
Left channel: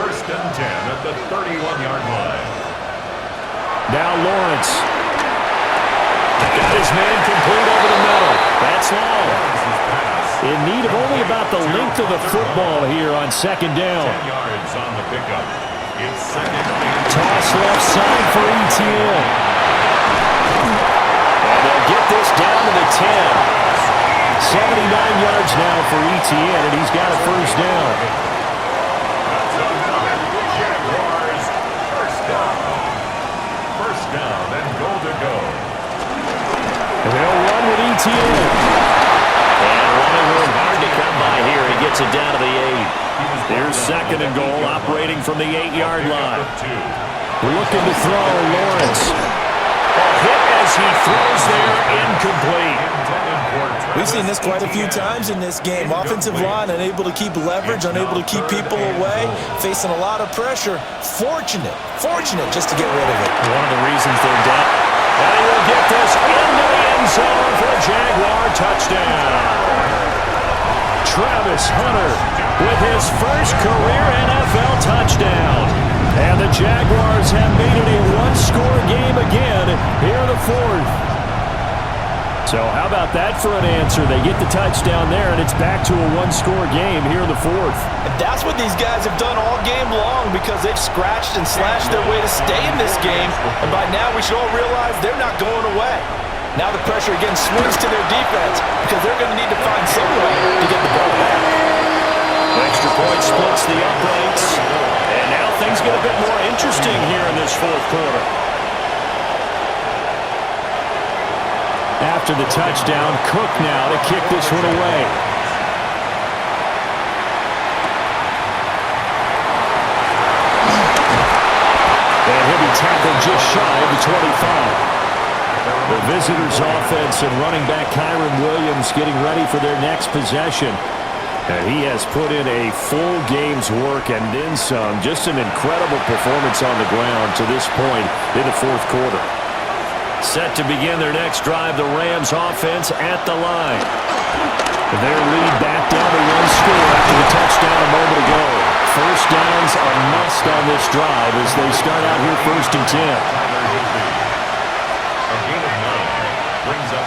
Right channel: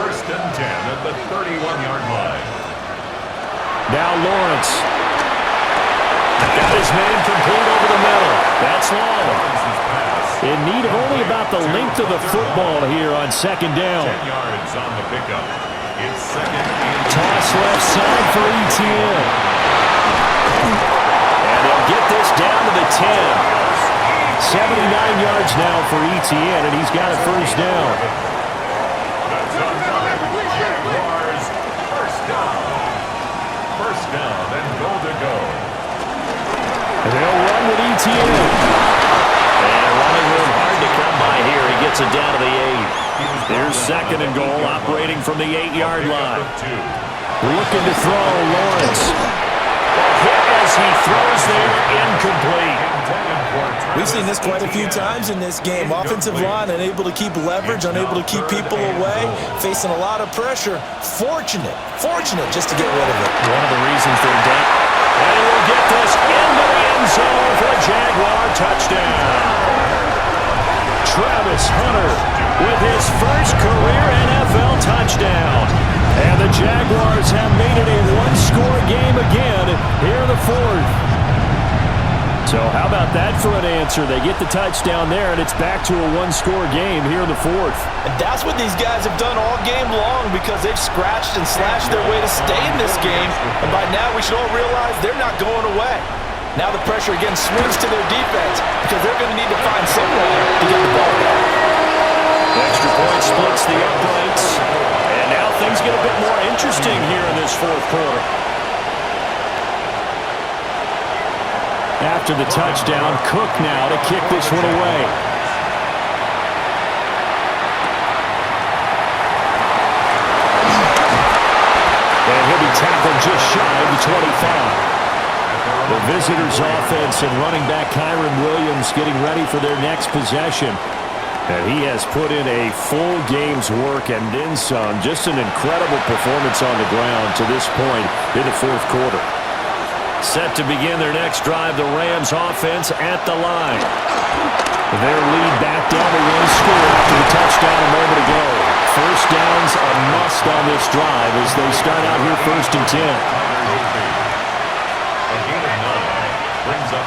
1st and 10 at the 31-yard line. Now Lawrence. Got his man complete over the middle. That's Long. In need of only about the length of the football here on 2nd down. 10 yards on the pickup. It's 2nd and Toss left side for ETN. And they'll get this down to the 10. 79 yards now for ETN, and he's got a first down. That's another Jaguars first down. First down and goal to go. And they'll run with ETN. And running room hard to come by here. He gets it down to the 8. There's 2nd and goal, operating from the 8-yard line. Looking to throw, Lawrence. Oh, hit as he throws there, incomplete. We've seen this quite a few times in this game. Offensive line unable to keep leverage, unable to keep people away, facing a lot of pressure. Fortunate just to get rid of it. One of the reasons they're down. And he will get this into the end zone for a Jaguar touchdown. Travis Hunter with his first career NFL touchdown. And the Jaguars have made it a one-score game again here in the fourth. So how about that for an answer? They get the touchdown there, and it's back to a one-score game here in the fourth. And that's what these guys have done all game long because they've scratched and slashed their way to stay in this game. And by now, we should all realize they're not going away. Now the pressure again swings to their defense because they're going to need to find some way to get the ball back. Extra point splits the uprights. And now things get a bit more interesting here in this fourth quarter. After the touchdown, Cook now to kick this one away. And he'll be tackled just shy of the 25. The visitors' offense and running back Kyron Williams getting ready for their next possession. And he has put in a full game's work and then some. Just an incredible performance on the ground to this point in the fourth quarter. Set to begin their next drive, the Rams offense at the line. Their lead back down to one score after the touchdown a moment ago. First down's a must on this drive as they start out here 1st and 10.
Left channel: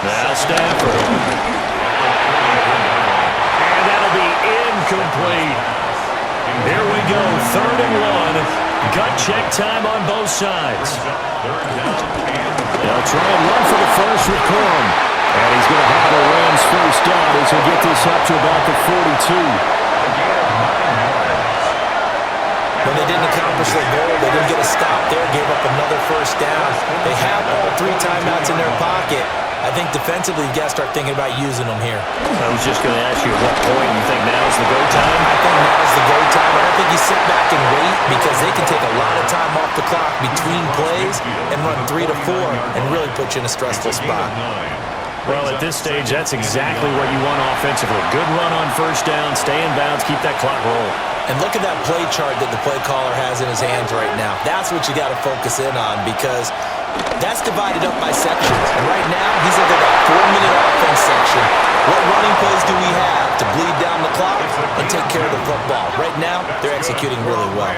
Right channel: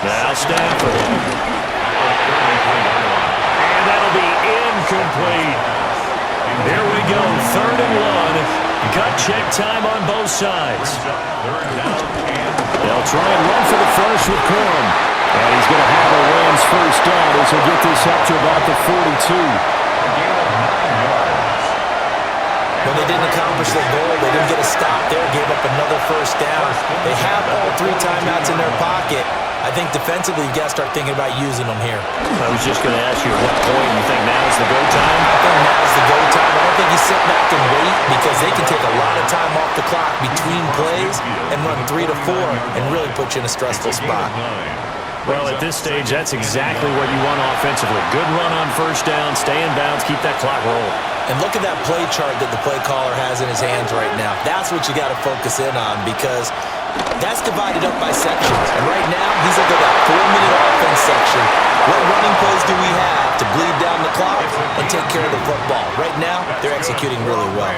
Now Stafford. And that'll be incomplete. Here we go, 3rd and 1. Gut check time on both sides. They'll try and run for the first with Corum. And he's going to have a Rams first down as he'll get this up to about the 42. When they didn't accomplish their goal, they didn't get a stop there, gave up another first down. They have all 3 timeouts in their pocket. I think defensively, you've got to start thinking about using them here. I was just going to ask you at what point you think now is the go time? I think now is the go time. I don't think you sit back and wait because they can take a lot of time off the clock between plays and run 3 to 4 and really put you in a stressful spot. Well, at this stage, that's exactly what you want offensively. Good run on first down, stay in bounds, keep that clock rolling. And look at that play chart that the play caller has in his hands right now. That's what you got to focus in on because that's divided up by sections. And right now, he's looking at that 4-minute offense section. What running plays do we have to bleed down the clock and take care of the football? Right now, they're executing really well.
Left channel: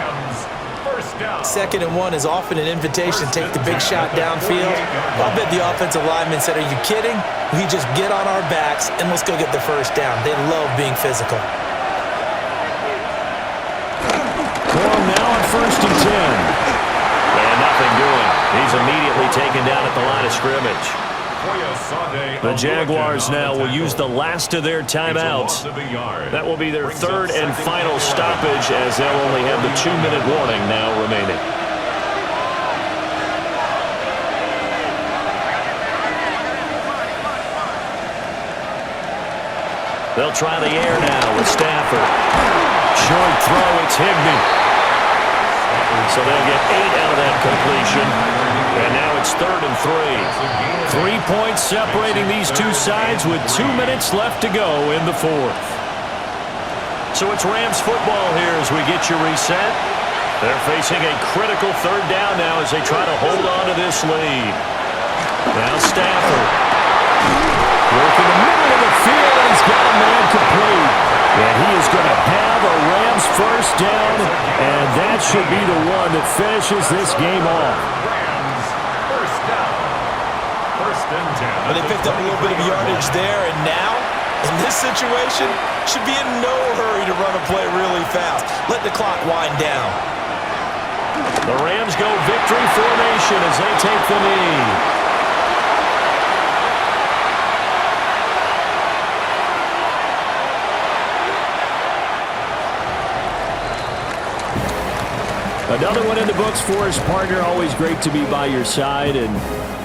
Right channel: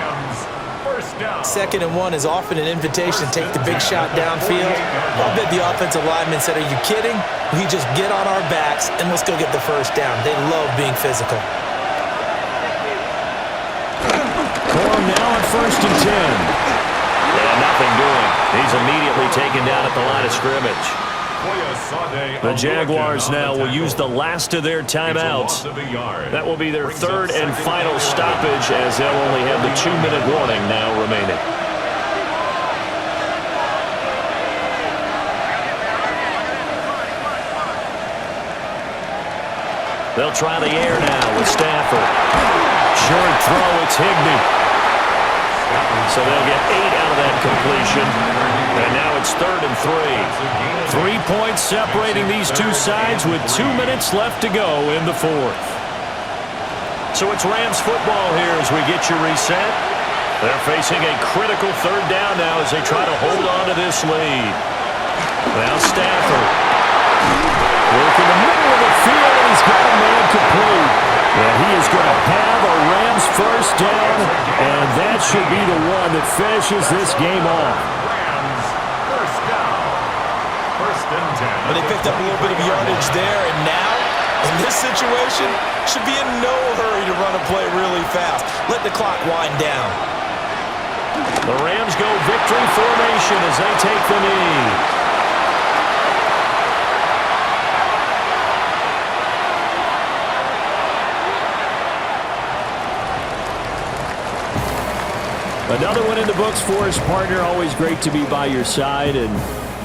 2nd and 1 is often an invitation to take the big shot downfield. I'll bet the offensive lineman said, are you kidding? We just get on our backs and let's go get the first down. They love being physical. Corum now on 1st and 10. And nothing doing. He's immediately taken down at the line of scrimmage. The Jaguars now will use the last of their timeouts. That will be their 3rd and final stoppage as they'll only have the 2-minute warning now remaining. They'll try the air now with Stafford. Short throw, it's Higbee. So they'll get 8 out of that completion. And now it's 3rd and 3. 3 points separating these two sides with 2 minutes left to go in the fourth. So it's Rams football here as we get you reset. They're facing a critical 3rd down now as they try to hold on to this lead. Now Stafford. Working the middle of the field, and he's got a man complete. And he is going to have a Rams first down, and that should be the one that finishes this game off. Rams first down. 1st and 10. But they picked up a little bit of yardage there, and now, in this situation, should be in no hurry to run a play really fast. Let the clock wind down. The Rams go victory formation as they take the knee. Another one in the books for his partner. Always great to be by your side. And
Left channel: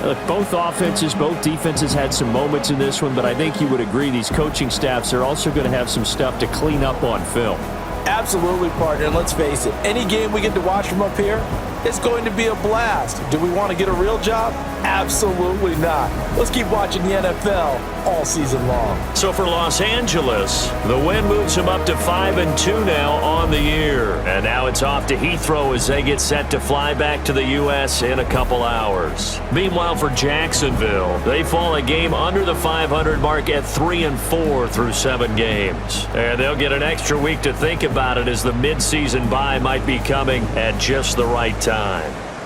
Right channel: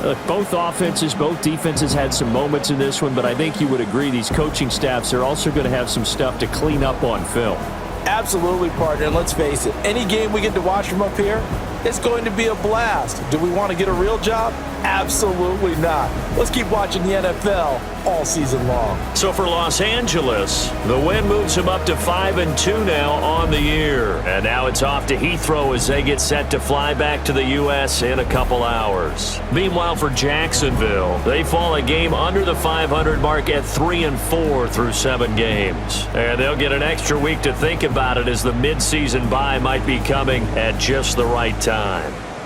look, both offenses, both defenses had some moments in this one, but I think you would agree these coaching staffs are also going to have some stuff to clean up on film. Absolutely, partner. And let's face it, any game we get to watch from up here, it's going to be a blast. Do we want to get a real job? Absolutely not. Let's keep watching the NFL all season long. So for Los Angeles, the win moves them up to 5-2 now on the year. And now it's off to Heathrow as they get set to fly back to the U.S. in a couple hours. Meanwhile, for Jacksonville, they fall a game under the 500 mark at 3-4 through 7 games. And they'll get an extra week to think about it as the midseason bye might be coming at just the right time.